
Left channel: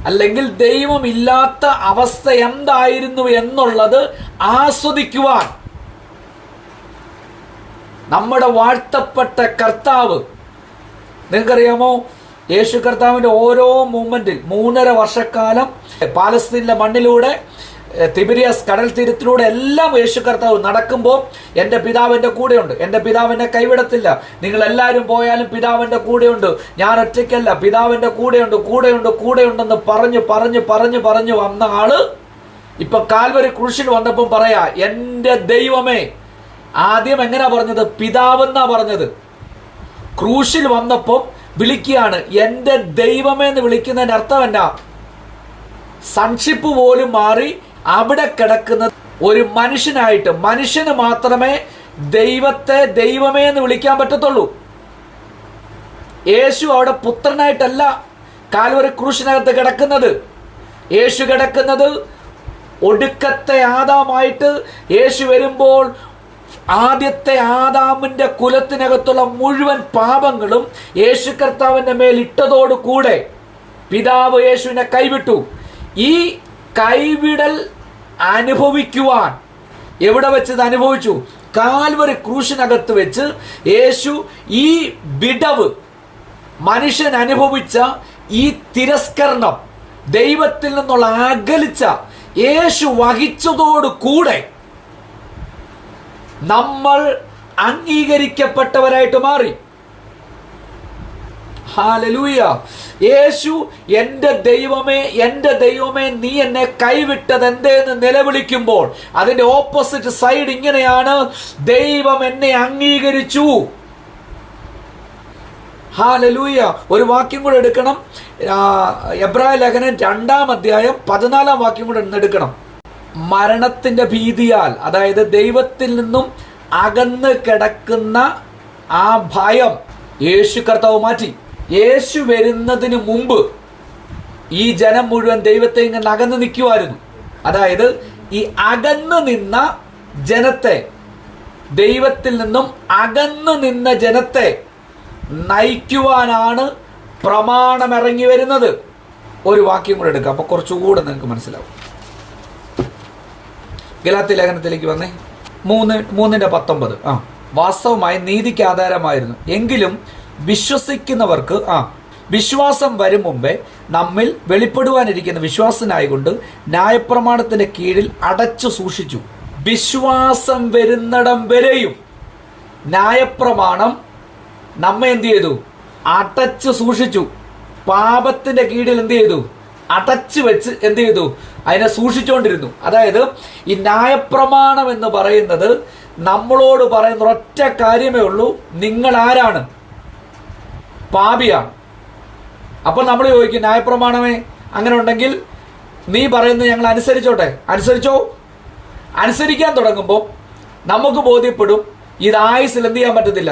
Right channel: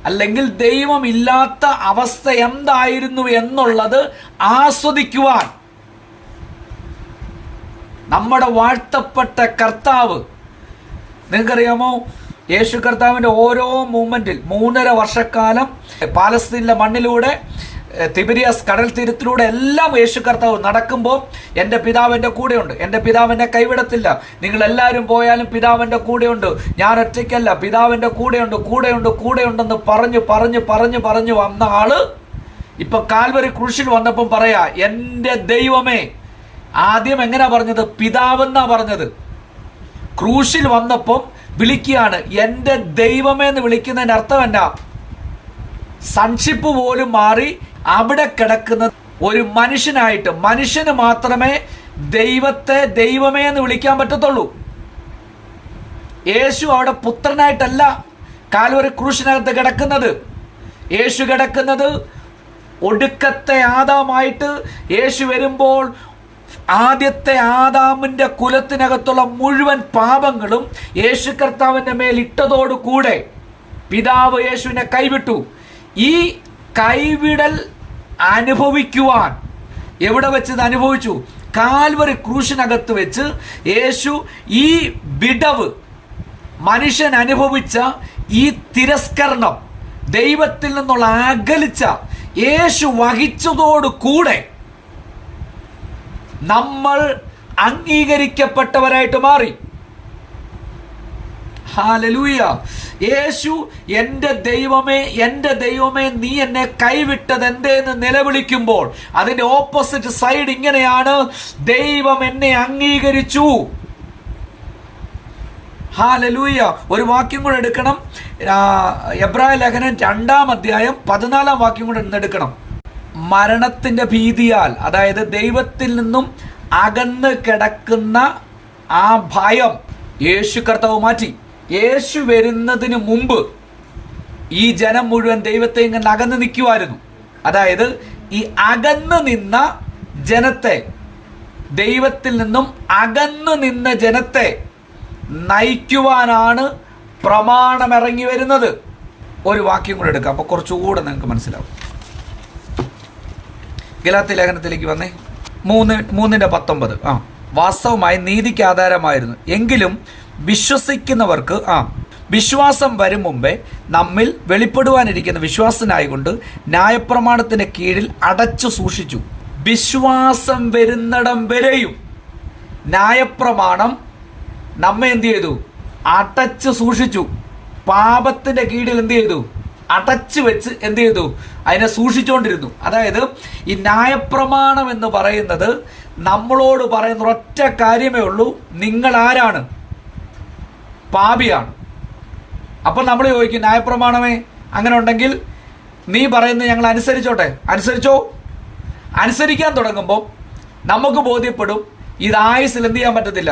അല്ലെങ്കിൽ ദൈവമില്ലാത്ത അവസ്ഥ എന്തായിരുന്നു എന്നുള്ളത് ആസ്വദിക്കുവാൻ നമ്മുടെ വാഴ്ത്തപ്പെട്ട കർത്താവ്, നിങ്ങൾക്കറിയാമോ, യേശു കർത്താവിന്റെ ഓരോ മൂവ്മെന്റിൽ 3.5 വർഷക്കാലം പാലസ്തീനിലെ മണ്ണിലൂടെ, തിബിരിയസ് കടൽ തീരത്തിലൂടെ എല്ലാം യേശു കർത്താവ് നടക്കുമ്പോൾ എൻ്റെ പിതാവിൻ്റെ കൂടെയുണ്ട്, എൻ്റെ പിതാവിനെ കൈവിടത്തില്ല, നിങ്ങൾ എല്ലാവരും പോയാലും പിതാവിൻ്റെ കൂടെയുണ്ട്, ഞാൻ ഒറ്റയ്ക്കല്ല, പിതാവിൻ്റെ കൂടെയുണ്ട്, കൂടെയുണ്ട്, കൂടെയുണ്ടെന്ന് പറഞ്ഞു വന്ന ആള് ഇപ്പൊ കാൽവരി ക്രൂശിൽ വന്നപ്പം പറയാ, എൻ്റെ ദൈവമേ. ആദ്യം എങ്ങനെയാ പറഞ്ഞത്? പിതാവെന്നാ പറഞ്ഞത്. ക്രൂശിൽ വന്നപ്പം വിളിക്കുകയാണ് എൻ്റെ ദൈവമേ എന്ന്. വിളിക്കുന്നതിന്റെ അർത്ഥം എന്നാ? സൺഷിപ്പ് പോലും മാറി അവിടെ കിടക്കുന്ന ഒരു മനുഷ്യനായിട്ട്, മനുഷ്യന് മാത്രമേ ദൈവത്തെ ദൈവമേ എന്ന് വിളിക്കാൻ പറ്റത്തുള്ളൂ. യേശു അവിടെ പുത്രനായിട്ടല്ല കാൽവരി ക്രൂശിനകത്ത് കിടക്കുന്നത്. യേശു കിടക്കുന്നത് ഒടുക്കത്തെ ആദാമായിട്ട്. യേശു വരുമ്പോൾ ആദ്യത്തെ ആദാമിന്റെ കുലത്തിനകത്തുള്ള മുഴുവൻ പാപങ്ങളും യേശു കർത്താവിന്റെ മേൽ ഇട്ടതോടു കൂടെ പിതാവ് യേശുവിനെ കൈവിട്ടു. ഈ കൈവിടൽ അനുഭവിക്കുവാൻ എവിടെ വെച്ചത് അനുഭവിച്ചു? കാൽവരി ക്രൂശിനകത്ത് വെച്ച് യേശു ഈ വിടവ്, മനുഷ്യൻ അനുഭവിച്ച ഈ തിരസ്കരണം, ദൈവത്തിൽ നിന്നുള്ള അകലിച്ച യേശു വഹിച്ചതോടു കൂടെ നമ്മൾ അംഗീകരിക്കപ്പെട്ടവരായിട്ട് മാറി. ഹല്ലേലൂയ. യേശു എൻ്റെ ദൈവമേ, എൻ്റെ ദൈവമേ, നീ എന്നെ കൈവിട്ടത് എന്തേന്ന് നിലവിളിക്കുമ്പോൾ അതിന്റെ ഓപ്പോസിറ്റ് സൈഡ് ഇങ്ങനെയാണ്: ദൈവം എന്നെ അംഗീകരിച്ചു. ഹല്ലേലൂയ. ഒരു വാക്യം കൂടെ എടുക്കണം. എബ്രായ ലേഖനം 2-ാം അധ്യായം 14-ാം വാക്യം കൂടെ എടുക്കണം. മരണത്തിന്റെ ഭീതിയാൽ, അതായത് ദൈവത്തിൽ നിന്നും അകന്ന് കിടക്കുന്ന ആ ഭയം യേശു കർത്താവ് മാറ്റി. യേശു വരുന്നതിന് മുമ്പ് ഈ ജനം മുഴുവൻ ദൈവത്തെ ഇങ്ങനെ അകന്ന് നിൽക്കുമായിരുന്നു. അതായത് ഈ അകന്നു നിന്ന ജനത്തെ, ദൈവത്തിൽ നിന്നും അകന്നു നിന്ന ജനത്തെ നയിക്കുവാനാണ് പ്രമാണം ഇറങ്ങി വരുന്നത്. ഒരു വാക്യം കൂടെ എടുക്കാം, അപ്പൊ കുറച്ചുകൂടെ നിങ്ങൾക്ക് മനസ്സിലാവും. ഗലാത്യ ലേഖനത്തിലേക്ക് വന്നേ. 3:19. വാസ്തവമായി നീതിക്ക് ആധാരമായിരുന്നു, എങ്കിലും വിശ്വസിക്കുന്നവർക്ക് വിശ്വാസം വരും മുമ്പേ നമ്മിൽ വെളിപ്പെടുവാനിരിക്കുന്ന വിശ്വാസനായകൊണ്ട് ന്യായപ്രമാണത്തിന്റെ കീഴിൽ അടച്ചു സൂക്ഷിച്ചു. വിശ്വാസം വരുന്നിടം വരെയും ന്യായപ്രമാണം നമ്മെ എന്ത് ചെയ്തു? അടച്ചു സൂക്ഷിച്ചു. പാപത്തിന്റെ കീഴിൽ എന്ത് ചെയ്തു? അടച്ചു വെച്ച് എന്ത് ചെയ്തു? അതിനെ സൂക്ഷിച്ചുകൊണ്ടിരുന്നു. അതായത് ഈ ന്യായപ്രമാണം എന്ന് പറയുന്നത് നമ്മളോട് പറയുന്ന ഒറ്റ കാര്യമേ ഉള്ളൂ: നിങ്ങൾ ആരാണ്? പാപിയാണ്. അപ്പൊ നമ്മൾ ചോദിക്കും, ന്യായപ്രമാണമേ അങ്ങനെ ഉണ്ടെങ്കിൽ നീ പറയുന്നത് ഞങ്ങൾ അനുസരിച്ചോട്ടെ. അനുസരിച്ചോ? അനുസരിക്കാൻ തുടങ്ങുമ്പോൾ നമുക്ക് ബോധ്യപ്പെടും ഇത് ആയുസ്സിൽ എന്ത് ചെയ്യാൻ പറ്റത്തില്ല,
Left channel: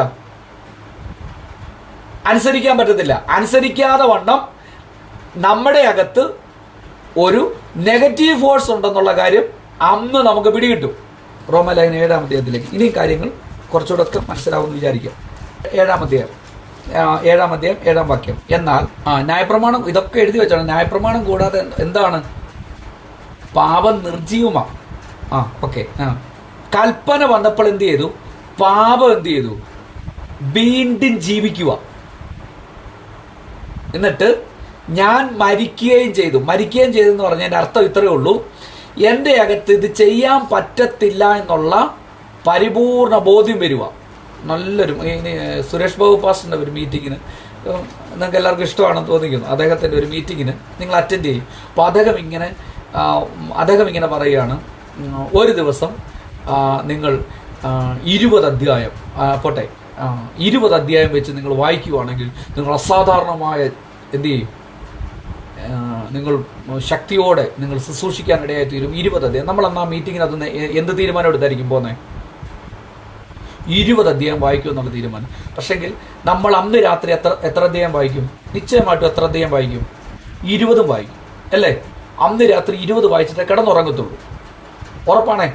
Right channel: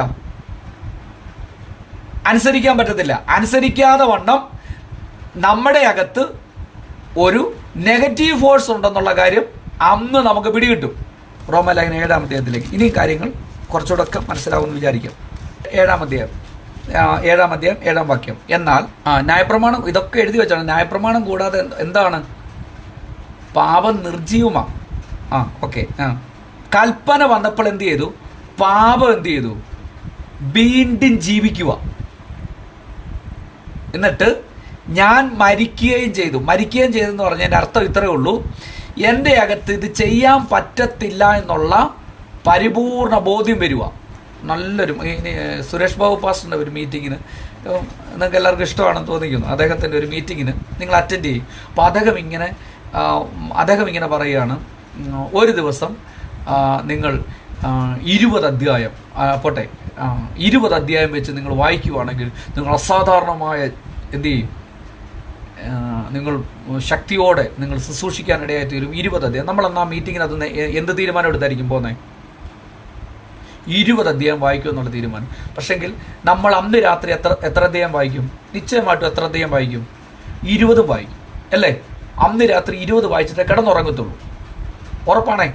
അനുസരിക്കാൻ പറ്റത്തില്ല. അനുസരിക്കാതെ വണ്ണം നമ്മുടെ അകത്ത് ഒരു നെഗറ്റീവ് ഫോഴ്സ് ഉണ്ടെന്നുള്ള കാര്യം അന്ന് നമുക്ക് പിടികിട്ടും. റോമലേഖനം 7-ാം അധ്യായത്തിലേക്ക് ഇനി കാര്യങ്ങൾ കുറച്ചുകൂടെ മനസ്സിലാവുമെന്ന് വിചാരിക്കാം. 7-ാം അധ്യായം 7-ാം വാക്യം. എന്നാൽ ന്യായപ്രമാണം, ഇതൊക്കെ എഴുതി വെച്ചാണ്. ന്യായപ്രമാണം കൂടാതെ എന്താണ്? പാപം നിർജീവമാണ്. ഓക്കെ. കൽപ്പന വന്നപ്പോൾ എന്ത് ചെയ്തു? പാപം എന്ത് ചെയ്തു? വീണ്ടും ജീവിക്കുക. എന്നിട്ട് ഞാൻ മരിക്കുകയും ചെയ്തെന്ന് പറഞ്ഞതിന്റെ അർത്ഥം ഇത്രയേ ഉള്ളൂ: എൻ്റെ അകത്ത് ഇത് ചെയ്യാൻ പറ്റത്തില്ല എന്നുള്ള പരിപൂർണ ബോധ്യം വരിക. നല്ലൊരു സുരേഷ് ബാബു പാസ്റ്ററിന്റെ ഒരു മീറ്റിങ്ങിന്, നിങ്ങൾക്ക് എല്ലാവർക്കും ഇഷ്ടമാണെന്ന് തോന്നിക്കുന്നു, അദ്ദേഹത്തിന്റെ ഒരു മീറ്റിങ്ങിന് നിങ്ങൾ അറ്റൻഡ് ചെയ്യും. അപ്പോൾ അദ്ദേഹം ഇങ്ങനെ പറയുകയാണ്: ഒരു ദിവസം നിങ്ങൾ 20 അധ്യായം 20 അധ്യായം വെച്ച് നിങ്ങൾ വായിക്കുകയാണെങ്കിൽ നിങ്ങൾ അസാധാരണമായ എന്ത് ചെയ്യും? നിങ്ങൾ ശക്തിയോടെ നിങ്ങൾ ശുശ്രൂഷിക്കാനിടയായി തീരും. 20 അധ്യായം. നമ്മൾ അന്ന് ആ മീറ്റിങ്ങിനകത്ത് എന്ത് തീരുമാനം എടുത്തായിരിക്കും പോകുന്നത്? 20 അധ്യായം വായിക്കും എന്നുള്ള തീരുമാനം. പക്ഷെങ്കിൽ നമ്മൾ അന്ന് രാത്രി എത്ര അധ്യായം വായിക്കും? നിശ്ചയമായിട്ടും എത്ര അധ്യായം വായിക്കും? 20 വായിക്കും, അല്ലേ? അന്ന് രാത്രി 20 വായിച്ചിട്ട് കിടന്നുറങ്ങത്തുള്ളൂ. ഉറപ്പാണേ,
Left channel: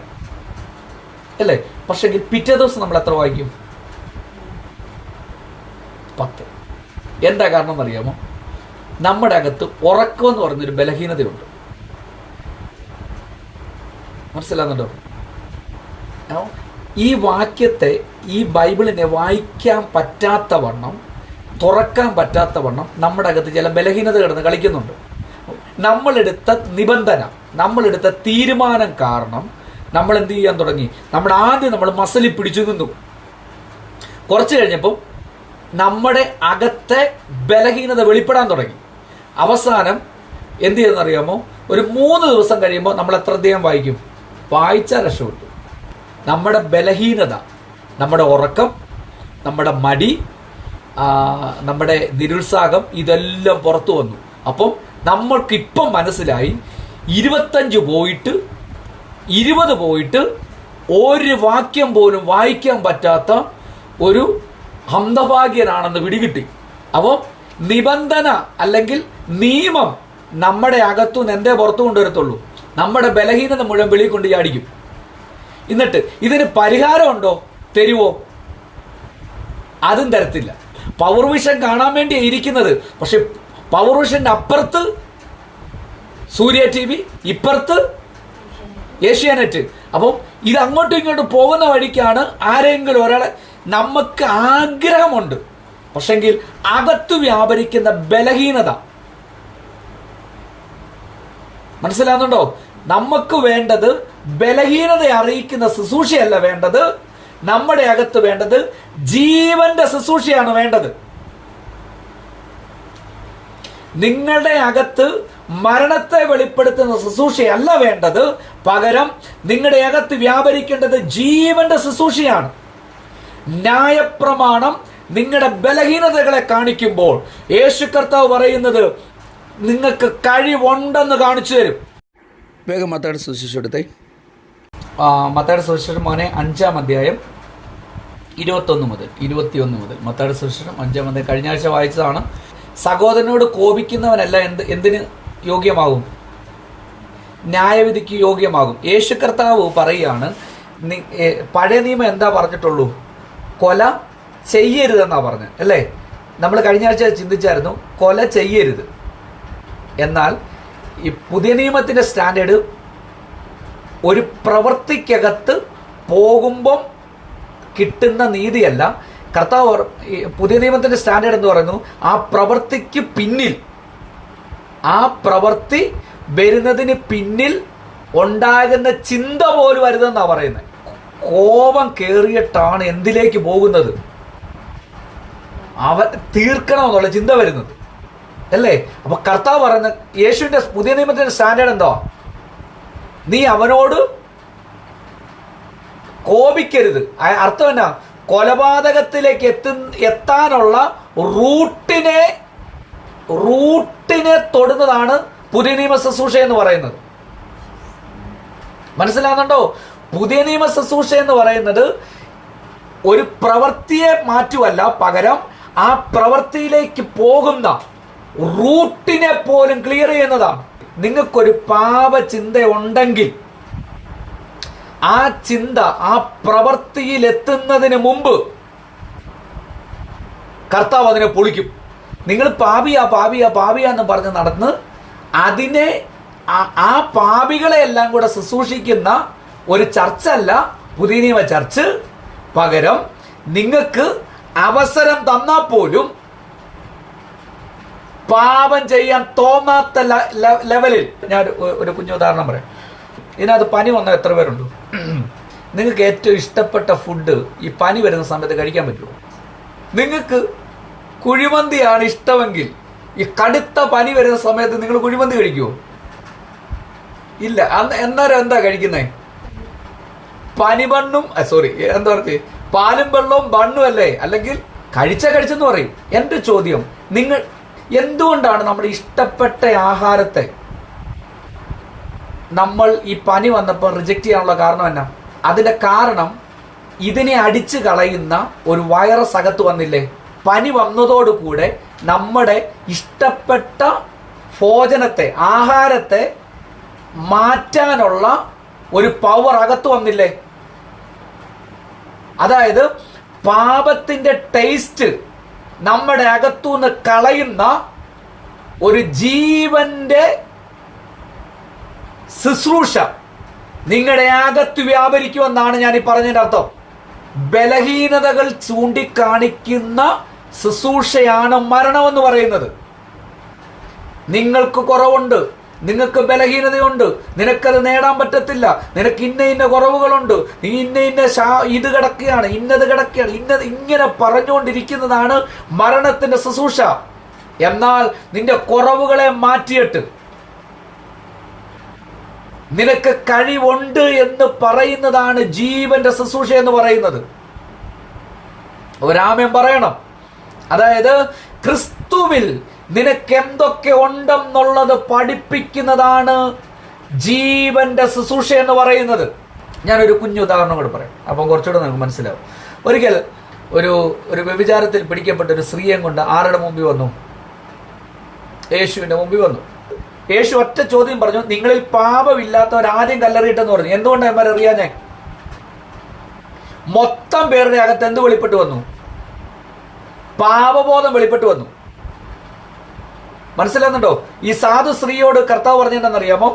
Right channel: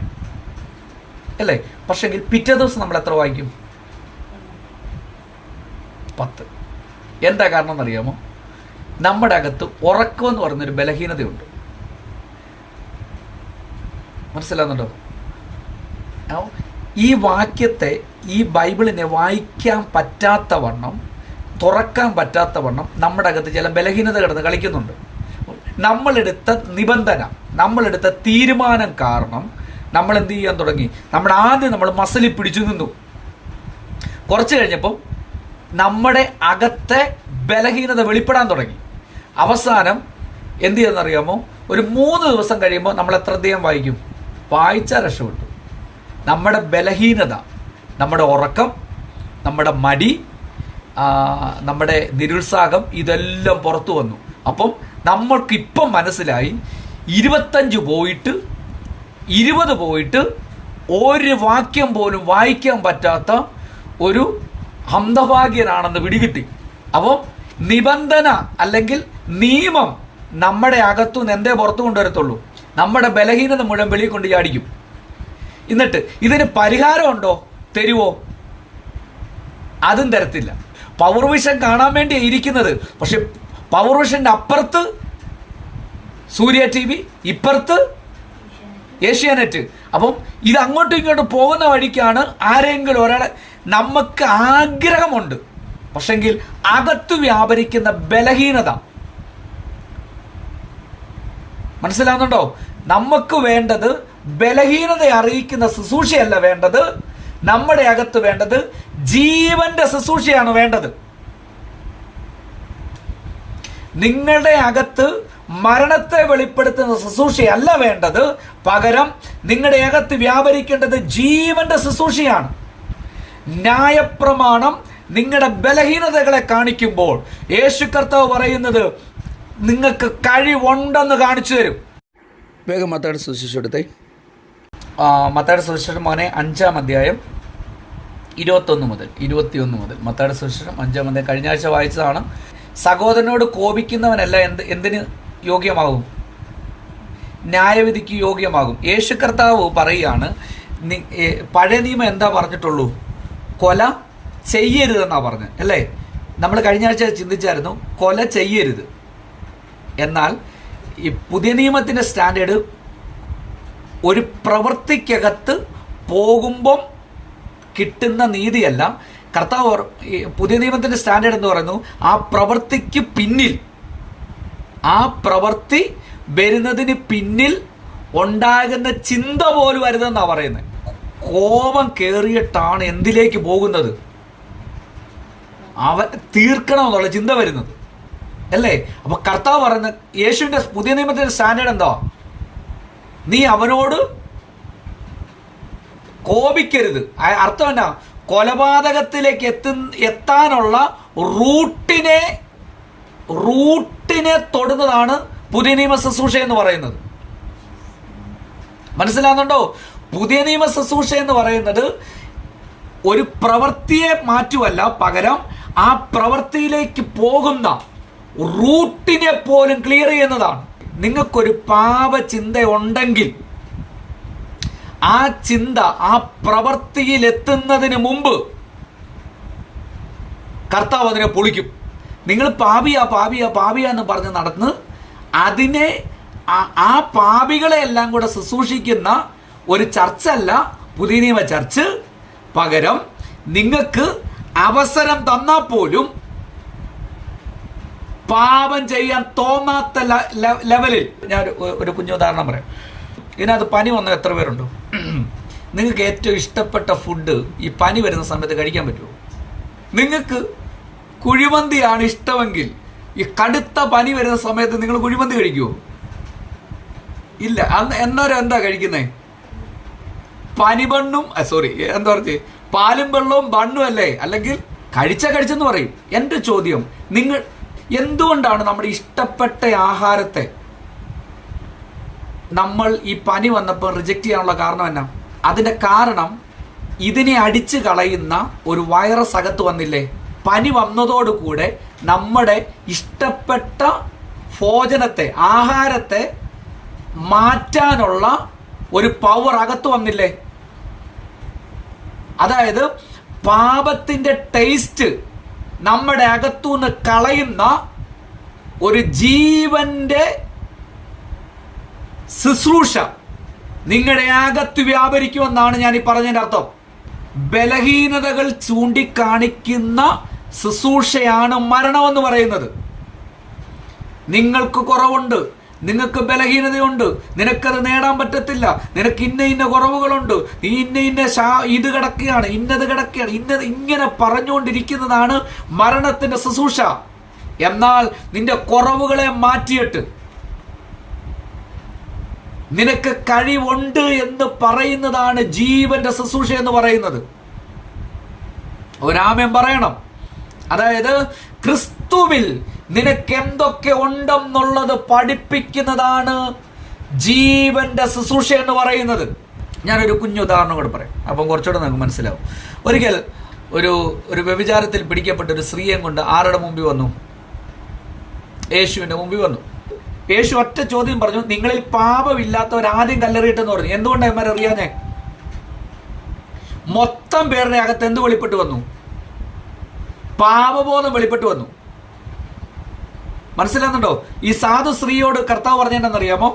അല്ലേ? പക്ഷെങ്കിൽ പിറ്റേ ദിവസം നമ്മൾ എത്ര വായിക്കും? 10. എന്താ കാരണം എന്നറിയാമോ? നമ്മുടെ അകത്ത് ഉറക്കം എന്ന് പറയുന്നൊരു ബലഹീനതയുണ്ട്. മനസ്സിലാകുന്നുണ്ടോ? ഈ വാക്യത്തെ, ഈ ബൈബിളിനെ വായിക്കാൻ പറ്റാത്തവണ്ണം, തുറക്കാൻ പറ്റാത്തവണ്ണം നമ്മുടെ അകത്ത് ചില ബലഹീനത കിടന്ന് കളിക്കുന്നുണ്ട്. നമ്മളെടുത്ത നിബന്ധന, നമ്മളെടുത്ത തീരുമാനം കാരണം നമ്മൾ എന്ത് ചെയ്യാൻ തുടങ്ങി? നമ്മൾ മസിലിൽ പിടിച്ചു നിന്നു. കുറച്ച് കഴിഞ്ഞപ്പോൾ നമ്മുടെ അകത്തെ ബലഹീനത വെളിപ്പെടാൻ തുടങ്ങി. അവസാനം എന്ത് ചെയ്യുന്നറിയാമോ? ഒരു 3 ദിവസം കഴിയുമ്പോൾ നമ്മൾ എത്ര അധ്യായം വായിക്കും? വായിച്ചാൽ രക്ഷപ്പെട്ടു. നമ്മുടെ ബലഹീനത, നമ്മുടെ ഉറക്കം, നമ്മുടെ മടി, നമ്മുടെ നിരുത്സാഹം, ഇതെല്ലാം പുറത്തു വന്നു. അപ്പം നമ്മൾക്കിപ്പം മനസ്സിലായി 25 പോയിട്ട് 20 പോയിട്ട് ഒരു വാക്യം പോലും വായിക്കാൻ പറ്റാത്ത ഒരു ഹന്തഭാഗ്യനാണെന്ന് പിടികിട്ടി. അപ്പോൾ നിബന്ധന അല്ലെങ്കിൽ നിയമം നമ്മുടെ അകത്തുനിന്ന് എന്തേ പുറത്തു കൊണ്ടുവരത്തുള്ളൂ? നമ്മുടെ ബലഹീനത മുഴുവൻ വെളിയിൽ കൊണ്ട് ചാടിക്കും. എന്നിട്ട് ഇതിന് പരിഹാരമുണ്ടോ? തരുവോ? അതും തരത്തില്ല. പവർ വിഷൻ കാണാൻ വേണ്ടി ഇരിക്കുന്നത്. പക്ഷെ പവർ വിഷന്റെ അപ്പുറത്ത് സൂര്യ TV, ഇപ്പുറത്ത് ഏഷ്യാനെറ്റ്. അപ്പം ഇത് അങ്ങോട്ടും ഇങ്ങോട്ടും പോകുന്ന വഴിക്കാണ് ആരെങ്കിലും ഒരാളെ, നമുക്ക് ആഗ്രഹമുണ്ട്, പക്ഷെങ്കിൽ അകത്ത് വ്യാപരിക്കുന്ന ബലഹീനത മനസ്സിലാകുന്നുണ്ടോ? നമുക്ക് വേണ്ടത് ബലഹീനത അറിയിക്കുന്ന ശുശ്രൂഷയല്ല വേണ്ടത്. നമ്മുടെ അകത്ത് വേണ്ടത് ജീവന്റെ ശുശ്രൂഷയാണ് വേണ്ടത്. നിങ്ങളുടെ അകത്ത് മരണത്തെ വെളിപ്പെടുത്തുന്ന ശുശ്രൂഷയല്ല വേണ്ടത്. പകരം നിങ്ങളുടെ അകത്ത് വ്യാപരിക്കേണ്ടത് ജീവന്റെ ശുശ്രൂഷയാണ്. ന്യായപ്രമാണം നിങ്ങളുടെ ബലഹീനതകളെ കാണിക്കുമ്പോൾ യേശു കർത്താവ് പറയുന്നത് നിങ്ങൾക്ക് കഴിവുണ്ടെന്ന് കാണിച്ചു തരും. വേഗം മത്തായിയുടെ സുവിശേഷം എടുത്തേ. മത്തായിയുടെ സുവിശേഷം മോനെ 5-ാം അധ്യായം 21 മുതൽ മത്തായിയുടെ സുവിശേഷം 5-ാം അധ്യായം കഴിഞ്ഞ ആഴ്ച വായിച്ചതാണ്. സഹോദരനോട് കോപിക്കുന്നവനല്ല എന്തിന് യോഗ്യമാകും? ന്യായവിധിക്ക് യോഗ്യമാകും. യേശു കർത്താവ് പറയുകയാണ്, പഴയ നിയമം എന്താ പറഞ്ഞിട്ടുള്ളൂ? കൊല ചെയ്യരുതെന്നാ പറഞ്ഞത് അല്ലേ? നമ്മൾ കഴിഞ്ഞ ആഴ്ച ചിന്തിച്ചായിരുന്നു കൊല ചെയ്യരുത്. എന്നാൽ ഈ പുതിയ നിയമത്തിന്റെ സ്റ്റാൻഡേർഡ് ഒരു പ്രവൃത്തിക്കകത്ത് പോകുമ്പം കിട്ടുന്ന നീതിയല്ല. കർത്താവ് പുതിയ നിയമത്തിന്റെ സ്റ്റാൻഡേർഡ് എന്ന് പറയുന്നു, ആ പ്രവൃത്തിക്ക് പിന്നിൽ, ആ പ്രവൃത്തി വരുന്നതിന് പിന്നിൽ ഉണ്ടാകുന്ന ചിന്ത പോലും വരുതെന്നാണ് പറയുന്നത്. കോപം കേറിയിട്ടാണ് എന്തിലേക്ക് പോകുന്നത്? അവൻ തീർക്കണമെന്നുള്ള ചിന്ത വരുന്നത് അല്ലേ? അപ്പൊ കർത്താവ് പറയുന്ന യേശുവിന്റെ പുതിയ നിയമത്തിന്റെ സ്റ്റാൻഡേർഡ് എന്താ? നീ അവനോട് കോപിക്കരുത്. അർത്ഥം എന്നാ? കൊലപാതകത്തിലേക്ക് എത്താനുള്ള റൂട്ടിനെ തൊടുന്നതാണ് പുതിയ നിയമ ശുശ്രൂഷ എന്ന് പറയുന്നത്. മനസ്സിലാകുന്നുണ്ടോ? പുതിയ നിയമ ശുശ്രൂഷ എന്ന് പറയുന്നത് ഒരു പ്രവൃത്തിയെ മാറ്റുവല്ല, പകരം ആ പ്രവൃത്തിയിലേക്ക് പോകുന്ന റൂട്ടിനെ പോലും ക്ലിയർ ചെയ്യുന്നതാണ്. നിങ്ങൾക്കൊരു പാപചിന്ത ഉണ്ടെങ്കിൽ ആ ചിന്ത ആ പ്രവൃത്തിയിൽ എത്തുന്നതിന് മുമ്പ് കർത്താവ് അതിനെ പൊളിക്കും. നിങ്ങൾ പാപിയാ എന്ന് പറഞ്ഞ് നടന്ന് അതിനെ ആ പാപികളെ എല്ലാം കൂടെ ശുശ്രൂഷിക്കുന്ന ഒരു ചർച്ചല്ല പുതിയ നിയമ ചർച്ച്. പകരം നിങ്ങൾക്ക് അവസരം തന്നാൽ പോലും പാപം ചെയ്യാൻ തോന്നാത്ത ലെവലിൽ, ഞാൻ ഒരു കുഞ്ഞുദാഹരണം പറയാം. ഇതിനകത്ത് പനി വന്ന എത്ര പേരുണ്ട്? നിങ്ങൾക്ക് ഏറ്റവും ഇഷ്ടപ്പെട്ട ഫുഡ് ഈ പനി വരുന്ന സമയത്ത് കഴിക്കാൻ പറ്റുമോ? നിങ്ങൾക്ക് കുഴിമന്തിയാണ് ഇഷ്ടമെങ്കിൽ ഈ കടുത്ത പനി വരുന്ന സമയത്ത് നിങ്ങൾ കുഴിമന്തി കഴിക്കുമോ? ഇല്ല. എന്നാലും എന്താ കഴിക്കുന്നേ? പനിബണ്ണും എന്താ പറഞ്ഞേ, പാലും വെള്ളവും ബണ്ണും അല്ലേ? അല്ലെങ്കിൽ കഴിച്ചെന്ന് പറയും. എന്റെ ചോദ്യം, നിങ്ങൾ എന്തുകൊണ്ടാണ് നമ്മുടെ ഇഷ്ടപ്പെട്ട ആഹാരത്തെ നമ്മൾ ഈ പനി വന്നപ്പോൾ റിജക്റ്റ് ചെയ്യാനുള്ള കാരണം എന്നാ? അതിന്റെ കാരണം ഇതിനെ അടിച്ചു കളയുന്ന ഒരു വൈറസ് അകത്ത് വന്നില്ലേ? പനി വന്നതോടുകൂടെ നമ്മുടെ ഇഷ്ടപ്പെട്ട ഭോജനത്തെ, ആഹാരത്തെ മാറ്റാനുള്ള ഒരു പവർ അകത്ത് വന്നില്ലേ? അതായത് പാപത്തിന്റെ ടേസ്റ്റ് നമ്മുടെ അകത്തുനിന്ന് കളയുന്ന ഒരു ജീവന്റെ ശുശ്രൂഷ നിങ്ങളുടെ അകത്ത് വ്യാപരിക്കുമെന്നാണ് ഞാൻ ഈ പറഞ്ഞതിന്റെ അർത്ഥം. ബലഹീനതകൾ ചൂണ്ടിക്കാണിക്കുന്ന ശുശ്രൂഷയാണ് മരണമെന്ന് പറയുന്നത്. നിങ്ങൾക്ക് കുറവുണ്ട്, നിങ്ങൾക്ക് ബലഹീനതയുണ്ട്, നിനക്കത് നേടാൻ പറ്റത്തില്ല, നിനക്ക് ഇന്ന കുറവുകളുണ്ട്, നീ ഇത് കിടക്കുകയാണ്, ഇന്നത് കിടക്കുകയാണ്, ഇങ്ങനെ പറഞ്ഞുകൊണ്ടിരിക്കുന്നതാണ് മരണത്തിന്റെ ശുശ്രൂഷ. എന്നാൽ നിന്റെ കുറവുകളെ മാറ്റിയിട്ട് നിനക്ക് കഴിവുണ്ട് എന്ന് പറയുന്നതാണ് ജീവന്റെ ശുശ്രൂഷ എന്ന് പറയുന്നത്. ഒരാമേൻ പറയണം. അതായത് ക്രിസ്തുവിൽ നിനക്ക് എന്തൊക്കെ ഉണ്ടെന്നുള്ളത് പഠിപ്പിക്കുന്നതാണ് ജീവന്റെ ശുശ്രൂഷ എന്ന് പറയുന്നത്. ഞാനൊരു കുഞ്ഞു ഉദാഹരണം കൂടെ പറയാം, അപ്പം കുറച്ചുകൂടെ നിങ്ങൾക്ക് മനസ്സിലാവും. ഒരിക്കൽ ഒരു വ്യഭിചാരത്തിൽ പിടിക്കപ്പെട്ട ഒരു സ്ത്രീയെ കൊണ്ട് ആരുടെ മുമ്പിൽ വന്നു? യേശുവിന്റെ മുമ്പിൽ വന്നു. യേശു ഒറ്റ ചോദ്യം പറഞ്ഞു, നിങ്ങളിൽ പാപമില്ലാത്തവർ ആദ്യം കല്ലെറിയിട്ടെന്ന് പറഞ്ഞു. എന്തുകൊണ്ട് എമ്മ അറിയാഞ്ഞേ? മൊത്തം പേരുടെ അകത്ത് എന്ത് വെളിപ്പെട്ട് വന്നു? പാപബോധം വെളിപ്പെട്ട് വന്നു. മനസ്സിലാകുന്നുണ്ടോ? ഈ സാധു സ്ത്രീയോട് കർത്താവ് പറഞ്ഞെന്നറിയാമോ?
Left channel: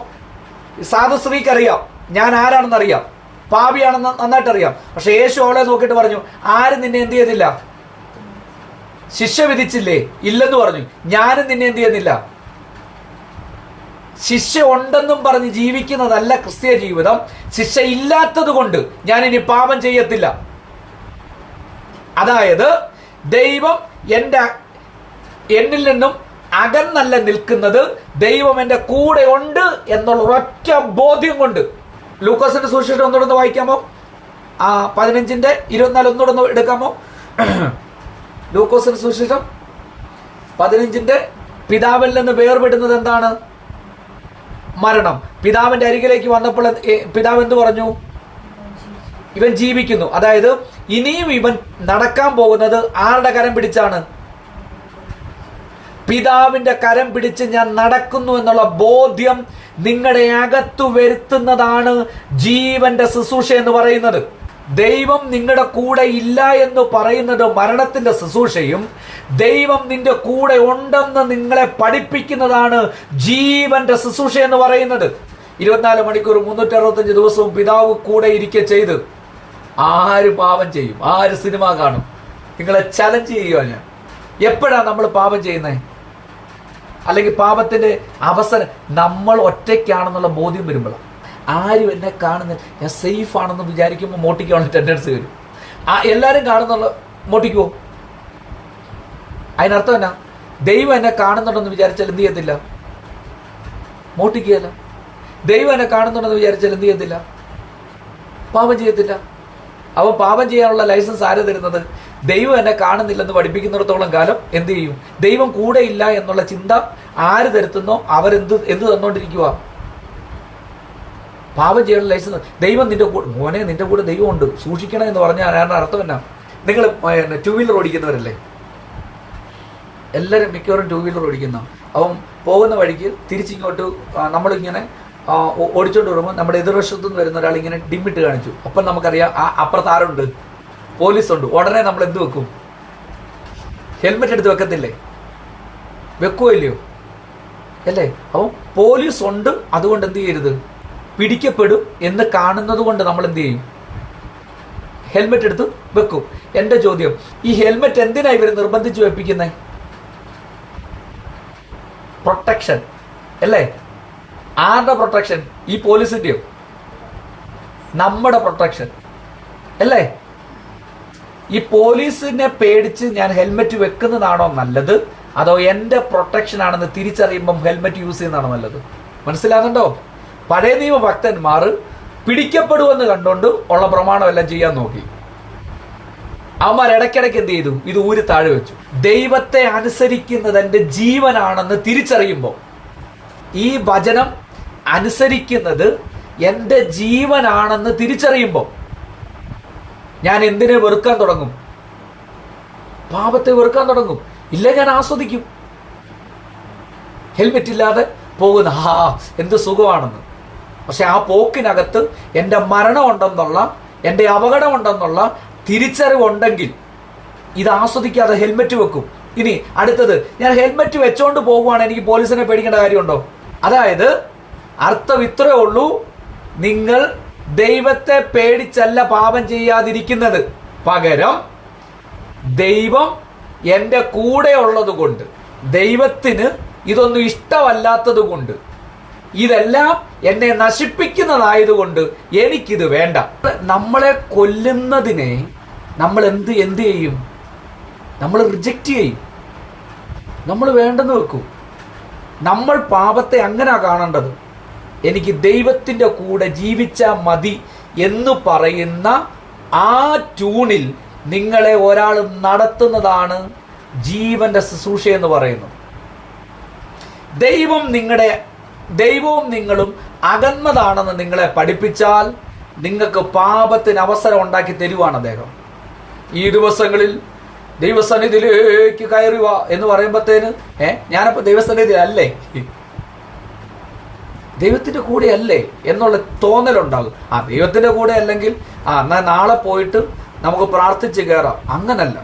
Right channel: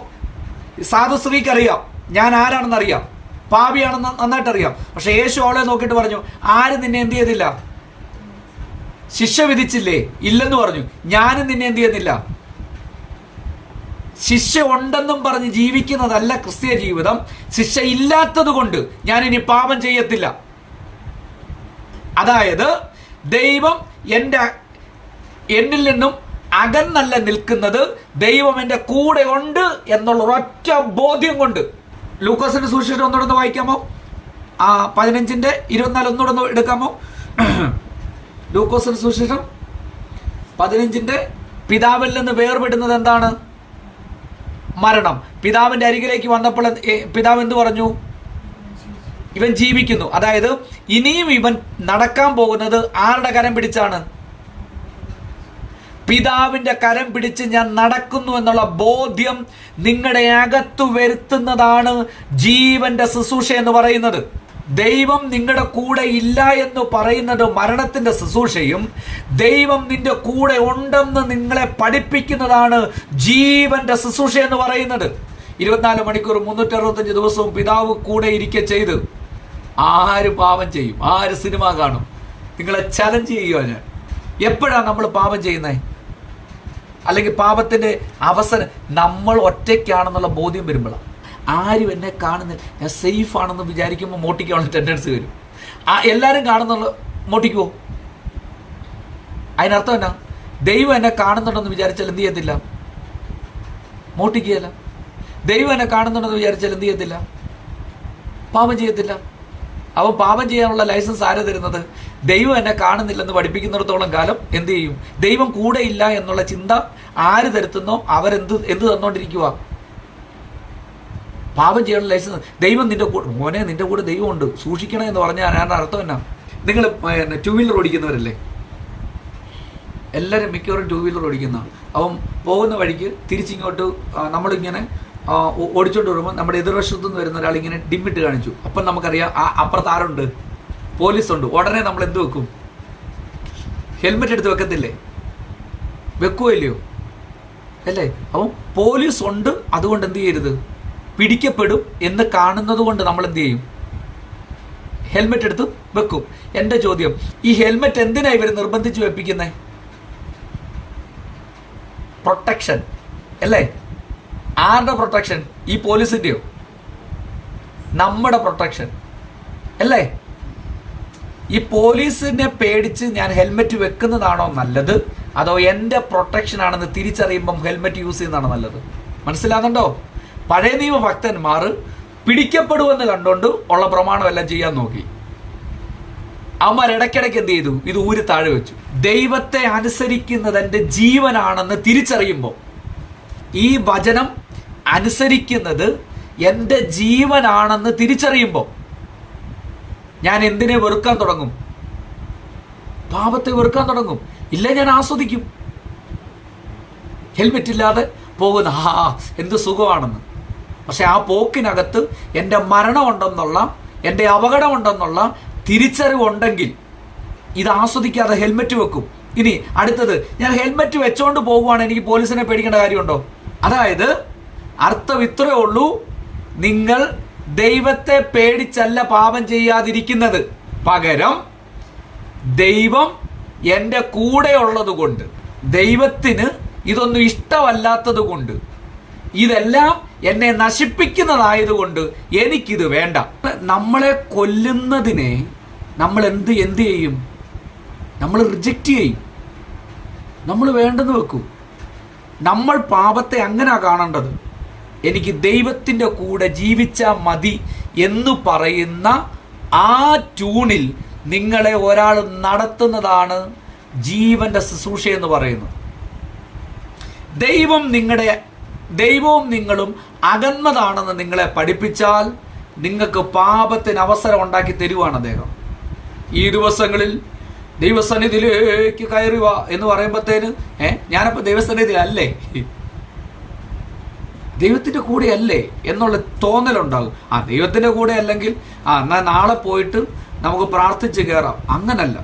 സാധു സ്ത്രീക്ക് അറിയാം ഞാൻ ആരാണെന്ന് അറിയാം, പാപിയാണെന്ന് നന്നായിട്ട് അറിയാം. പക്ഷെ യേശു അവളെ നോക്കിയിട്ട് പറഞ്ഞു, ആരും നിന്നെ എന്ത് ചെയ്തില്ല? ശിക്ഷ വിധിച്ചില്ലേ? ഇല്ലെന്ന് പറഞ്ഞു. ഞാനും നിന്നെ എന്ത് ചെയ്യുന്നില്ല? ശിക്ഷ ഉണ്ടെന്നും പറഞ്ഞ് ജീവിക്കുന്നതല്ല ക്രിസ്തീയ ജീവിതം. ശിക്ഷ ഇല്ലാത്തത് കൊണ്ട് ഞാൻ ഇനി പാപം ചെയ്യത്തില്ല. അതായത് ദൈവം എന്നിൽ നിന്നും അകന്നല്ല നിൽക്കുന്നത്, ദൈവം എൻ്റെ കൂടെ ഉണ്ട് എന്നുള്ള ഒരൊറ്റ ബോധ്യം കൊണ്ട്. ലൂക്കോസിന്റെ സുവിശേഷം ഒന്നുകൂടെ വായിക്കാമോ? 15:24 ഒന്നുകൂടെ എടുക്കാമോ? ലൂക്കോസിന്റെ സുവിശേഷം 15 പിതാവിൽ നിന്ന് വേർപെടുന്നത് എന്താണ്? മരണം. പിതാവിന്റെ അരികിലേക്ക് വന്നപ്പോൾ പിതാവ് എന്ത് പറഞ്ഞു? ഇവൻ ജീവിക്കുന്നു. അതായത് ഇനിയും ഇവൻ നടക്കാൻ പോകുന്നത് ആരുടെ കരം പിടിച്ചാണ്? പിതാവിന്റെ കരം പിടിച്ച് ഞാൻ നടക്കുന്നു എന്നുള്ള ബോധ്യം നിങ്ങളുടെ അകത്തു വരുത്തുന്നതാണ് ജീവന്റെ ശുശ്രൂഷ എന്ന് പറയുന്നത്. ദൈവം നിങ്ങളുടെ കൂടെ ഇല്ല എന്ന് പറയുന്നത് മരണത്തിന്റെ ശുശ്രൂഷയും, ദൈവം നിന്റെ കൂടെ ഉണ്ടെന്ന് നിങ്ങളെ പഠിപ്പിക്കുന്നതാണ് ജീവന്റെ ശുശ്രൂഷ എന്ന് പറയുന്നത്. 24 മണിക്കൂർ 365 ദിവസവും പിതാവ് കൂടെ ഇരിക്കെ ചെയ്ത് ആര് പാപം ചെയ്യും? ആര് സിനിമ കാണും? നിങ്ങളെ ചലഞ്ച് ചെയ്യുക ഞാൻ. എപ്പോഴാണ് നമ്മൾ പാപം ചെയ്യുന്നത്? അല്ലെങ്കിൽ പാപത്തിന്റെ അവസരം നമ്മൾ ഒറ്റയ്ക്കാണെന്നുള്ള ബോധ്യം വരുമ്പോഴാണ്. ആരും എന്നെ കാണുന്നില്ല, ഞാൻ സേഫ് ആണെന്ന് വിചാരിക്കുമ്പോൾ മോട്ടിക്കാനുള്ള ടെൻഡൻസി വരും. എല്ലാവരും കാണുന്നുള്ള മോട്ടിക്കുവോ? അതിനർത്ഥം എന്നാ? ദൈവം എന്നെ കാണുന്നുണ്ടെന്ന് വിചാരിച്ചാൽ എന്ത് ചെയ്യത്തില്ല? മോട്ടിക്കുകയല്ല. ദൈവം എന്നെ കാണുന്നുണ്ടെന്ന് വിചാരിച്ചാൽ എന്ത് ചെയ്യത്തില്ല? പാപം ചെയ്യത്തില്ല. അവൻ പാപം ചെയ്യാനുള്ള ലൈസൻസ് ആര് തരുന്നത്? ദൈവം എന്നെ കാണുന്നില്ലെന്ന് പഠിപ്പിക്കുന്നിടത്തോളം കാലം എന്ത് ചെയ്യും? ദൈവം കൂടെ ഇല്ല എന്നുള്ള ചിന്ത ആര് തരുത്തുന്നോ അവരെന്ത് തന്നുകൊണ്ടിരിക്കുക? പാപം ചെയ്യാനുള്ള ലൈസൻസ്. ദൈവം നിന്റെ കൂടെ, മോനെ നിന്റെ കൂടെ ദൈവമുണ്ട്, സൂക്ഷിക്കണം എന്ന് പറഞ്ഞാൽ അർത്ഥം എന്നാ? നിങ്ങൾ 2 വീലർ ഓടിക്കുന്നവരല്ലേ? എല്ലാവരും മിക്കവാറും 2 വീലർ ഓടിക്കുന്ന. അവൻ പോകുന്ന വഴിക്ക് തിരിച്ചിങ്ങോട്ട് നമ്മളിങ്ങനെ ഓടിച്ചോണ്ട് വരുമ്പോൾ നമ്മുടെ എതിർവശത്തു നിന്ന് വരുന്ന ഒരാൾ ഇങ്ങനെ ഡിമ്മിട്ട് കാണിച്ചു. അപ്പം നമുക്കറിയാം അപ്പുറത്ത് ആരുണ്ട്? പോലീസുണ്ട്. ഉടനെ നമ്മൾ എന്ത് വെക്കും? ഹെൽമെറ്റ് എടുത്ത് വെക്കത്തില്ലേ? വെക്കുമല്ലയോ? അല്ലേ? അപ്പം പോലീസ് ഉണ്ട്, അതുകൊണ്ട് എന്ത് ചെയ്യരുത്? പിടിക്കപ്പെടും എന്ന് കാണുന്നത് കൊണ്ട് നമ്മൾ എന്ത് ചെയ്യും? ഹെൽമെറ്റ് എടുത്ത് വെക്കും. എന്റെ ചോദ്യം, ഈ ഹെൽമെറ്റ് എന്തിനാ ഇവർ നിർബന്ധിച്ച് വെപ്പിക്കുന്നത്? പ്രൊട്ടക്ഷൻ അല്ലേ? ആരുടെ പ്രൊട്ടക്ഷൻ? ഈ പോലീസിന്റെയോ? നമ്മുടെ പ്രൊട്ടക്ഷൻ അല്ലേ? ഈ പോലീസിനെ പേടിച്ച് ഞാൻ ഹെൽമെറ്റ് വെക്കുന്നതാണോ നല്ലത്, അതോ എൻ്റെ പ്രൊട്ടക്ഷൻ ആണെന്ന് തിരിച്ചറിയുമ്പം ഹെൽമെറ്റ് യൂസ് ചെയ്യുന്നതാണോ നല്ലത്? മനസ്സിലാകുന്നുണ്ടോ? പഴയ നിയമ ഭക്തന്മാർ പിടിക്കപ്പെടുമെന്ന് കണ്ടുകൊണ്ട് ഉള്ള പ്രമാണമെല്ലാം ചെയ്യാൻ നോക്കി. അവന്മാർ ഇടയ്ക്കിടയ്ക്ക് എന്ത് ചെയ്തു? ഇത് ഊരി താഴെ വെച്ചു. ദൈവത്തെ അനുസരിക്കുന്നത് എൻ്റെ ജീവനാണെന്ന് തിരിച്ചറിയുമ്പോൾ, ഈ വചനം അനുസരിക്കുന്നത് എൻ്റെ ജീവനാണെന്ന് തിരിച്ചറിയുമ്പോൾ ഞാൻ എന്തിനെ വെറുക്കാൻ തുടങ്ങും? പാപത്തെ വെറുക്കാൻ തുടങ്ങും. ഇല്ല, ഞാൻ ആസ്വദിക്കും. ഹെൽമെറ്റ് ഇല്ലാതെ പോകുന്ന എന്ത് സുഖമാണെന്ന്. പക്ഷെ ആ പോക്കിനകത്ത് എൻ്റെ മരണമുണ്ടെന്നുള്ള, എൻ്റെ അപകടമുണ്ടെന്നുള്ള തിരിച്ചറിവുണ്ടെങ്കിൽ ഇത് ആസ്വദിക്കാതെ ഹെൽമെറ്റ് വെക്കും. ഇനി അടുത്തത്, ഞാൻ ഹെൽമെറ്റ് വെച്ചോണ്ട് പോകുവാണ്, എനിക്ക് പോലീസിനെ പേടിക്കേണ്ട കാര്യമുണ്ടോ? അതായത് അർത്ഥം ഇത്രയേ ഉള്ളൂ, നിങ്ങൾ ദൈവത്തെ പേടിച്ചല്ല പാപം ചെയ്യാതിരിക്കുന്നത്, പകരം ദൈവം എൻ്റെ കൂടെ ഉള്ളത് കൊണ്ട്, ദൈവത്തിന് ഇതൊന്നും ഇഷ്ടമല്ലാത്തത് കൊണ്ട്, ഇതെല്ലാം എന്നെ നശിപ്പിക്കുന്നതായതുകൊണ്ട് എനിക്കിത് വേണ്ട. നമ്മളെ കൊല്ലുന്നതിനെ നമ്മൾ എന്ത് ചെയ്യും? നമ്മൾ റിജക്റ്റ് ചെയ്യും. നമ്മൾ വേണ്ടെന്ന് വെക്കൂ. നമ്മൾ പാപത്തെ അങ്ങനെ കാണേണ്ടത്. എനിക്ക് ദൈവത്തിൻ്റെ കൂടെ ജീവിച്ചാൽ മതി എന്ന് പറയുന്ന ആ ട്യൂണിൽ നിങ്ങളെ ഒരാൾ നടത്തുന്നതാണ് ജീവന്റെ ശുശ്രൂഷ എന്ന് പറയുന്നത്. ദൈവവും നിങ്ങളും അകന്നതാണെന്ന് നിങ്ങളെ പഠിപ്പിച്ചാൽ നിങ്ങൾക്ക് പാപത്തിന് അവസരം ഉണ്ടാക്കി തരുവാണ് അദ്ദേഹം. ഈ ദിവസങ്ങളിൽ ദൈവസന്നിധിയിലേക്ക് കയറുക എന്ന് പറയുമ്പോഴത്തേന് ഞാനപ്പോൾ ദൈവസന്നിധിയിലല്ലേ, ദൈവത്തിൻ്റെ കൂടെ അല്ലേ എന്നുള്ള തോന്നലുണ്ടാകും. ദൈവത്തിൻ്റെ കൂടെ അല്ലെങ്കിൽ എന്നാൽ നാളെ പോയിട്ട് നമുക്ക് പ്രാർത്ഥിച്ച് കയറാം. അങ്ങനല്ല.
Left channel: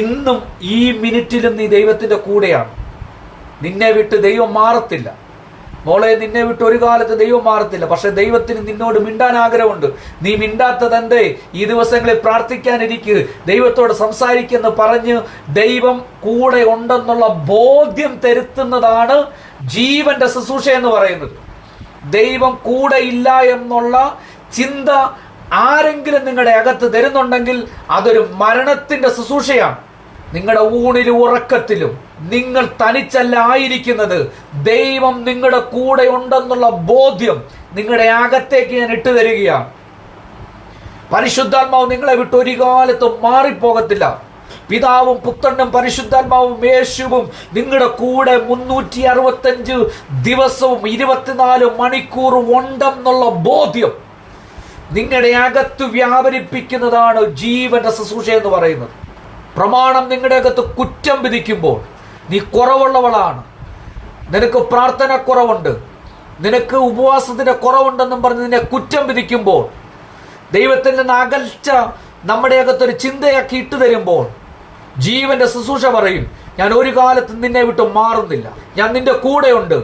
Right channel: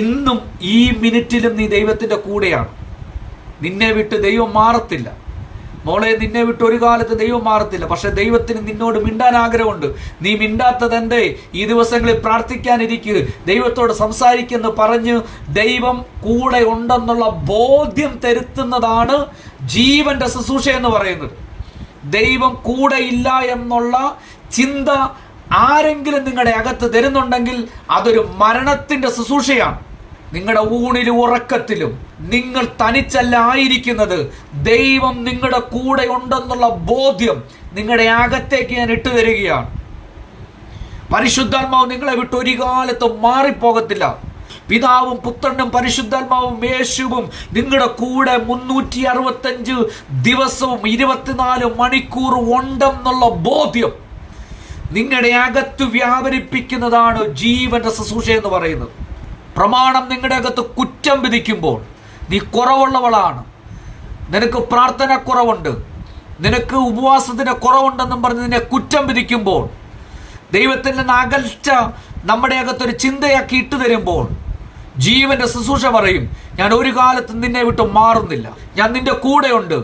ഇന്നും ഈ മിനിറ്റിലും നീ ദൈവത്തിൻ്റെ കൂടെയാണ്. നിന്നെ വിട്ട് ദൈവം മാറത്തില്ല. മോളെ, നിന്നെ വിട്ട് ഒരു കാലത്ത് ദൈവം മാറത്തില്ല. പക്ഷെ ദൈവത്തിന് നിന്നോട് മിണ്ടാൻ ആഗ്രഹമുണ്ട്. നീ മിണ്ടാത്തത് എന്തേ? ഈ ദിവസങ്ങളിൽ പ്രാർത്ഥിക്കാനിരിക്കുക, ദൈവത്തോട് സംസാരിക്കുന്ന പറഞ്ഞ് ദൈവം കൂടെ ഉണ്ടെന്നുള്ള ബോധ്യം തരുത്തുന്നതാണ് ജീവന്റെ ശുശ്രൂഷ എന്ന് പറയുന്നത്. ദൈവം കൂടെ ഇല്ല എന്നുള്ള ചിന്ത ആരെങ്കിലും നിങ്ങളുടെ അകത്ത് തരുന്നുണ്ടെങ്കിൽ അതൊരു മരണത്തിന്റെ ശുശ്രൂഷയാണ്. നിങ്ങളുടെ ഊണിലും ഉറക്കത്തിലും നിങ്ങൾ തനിച്ചല്ല ആയിരിക്കുന്നത്. ദൈവം നിങ്ങളുടെ കൂടെ ഉണ്ടെന്നുള്ള ബോധ്യം നിങ്ങളുടെ അകത്തേക്ക് ഞാൻ ഇട്ടു തരികയാണ്. പരിശുദ്ധാത്മാവ് നിങ്ങളെ വിട്ട് ഒരു കാലത്തും മാറിപ്പോകത്തില്ല. പിതാവും പുത്രനും പരിശുദ്ധാത്മാവും യേശുവും നിങ്ങളുടെ കൂടെ 365 ദിവസവും 24 മണിക്കൂറും ഉണ്ടെന്നുള്ള ബോധ്യം നിങ്ങളുടെ അകത്ത് വ്യാപരിപ്പിക്കുന്നതാണ് ജീവന്റെ ശുശ്രൂഷ എന്ന് പറയുന്നത്. പ്രമാണം നിങ്ങളുടെ അകത്ത് കുറ്റം വിധിക്കുമ്പോൾ നീ കുറവുള്ളവളാണ്, നിനക്ക് പ്രാർത്ഥന കുറവുണ്ട്, നിനക്ക് ഉപവാസത്തിന്റെ കുറവുണ്ടെന്നും പറഞ്ഞ് നിന്നെ കുറ്റം വിധിക്കുമ്പോൾ, ദൈവത്തിൽ നിന്ന് അകൽച്ച നമ്മുടെ അകത്തൊരു ചിന്തയാക്കി ഇട്ടു തരുമ്പോൾ, ജീവന്റെ ശുശ്രൂഷ പറയും, ഞാൻ ഒരു കാലത്ത് നിന്നെ വിട്ട് മാറുന്നില്ല, ഞാൻ നിന്റെ കൂടെയുണ്ട്.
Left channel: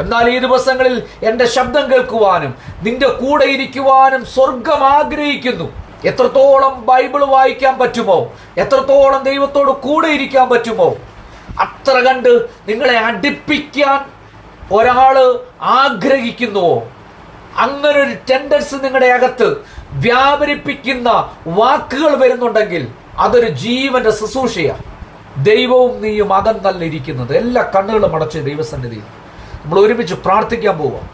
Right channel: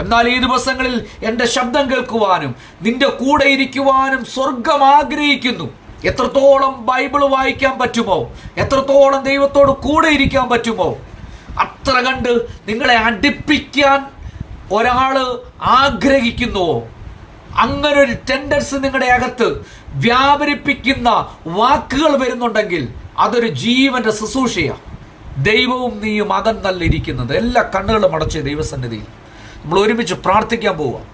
എന്നാൽ ഈ ദിവസങ്ങളിൽ എന്റെ ശബ്ദം കേൾക്കുവാനും നിന്റെ കൂടെ ഇരിക്കുവാനും സ്വർഗം ആഗ്രഹിക്കുന്നു. എത്രത്തോളം ബൈബിൾ വായിക്കാൻ പറ്റുമോ, എത്രത്തോളം ദൈവത്തോട് കൂടെ ഇരിക്കാൻ പറ്റുമോ, അത്ര കണ്ട് നിങ്ങളെ അടുപ്പിക്കാൻ ഒരാള് ആഗ്രഹിക്കുന്നുവോ, അങ്ങനെ ഒരു ടെൻഡൻസി നിങ്ങളുടെ അകത്ത് വ്യാപരിപ്പിക്കുന്ന വാക്കുകൾ വരുന്നുണ്ടെങ്കിൽ അതൊരു ജീവന്റെ ശുശ്രൂഷയാണ്. ദൈവവും നീയും അകന്നല്ല ഇരിക്കുന്നത്. എല്ലാ കണ്ണുകളും അടച്ച് ദൈവസന്നിധിയിൽ നമ്മൾ ഒരുമിച്ച് പ്രാർത്ഥിക്കാൻ പോവാം.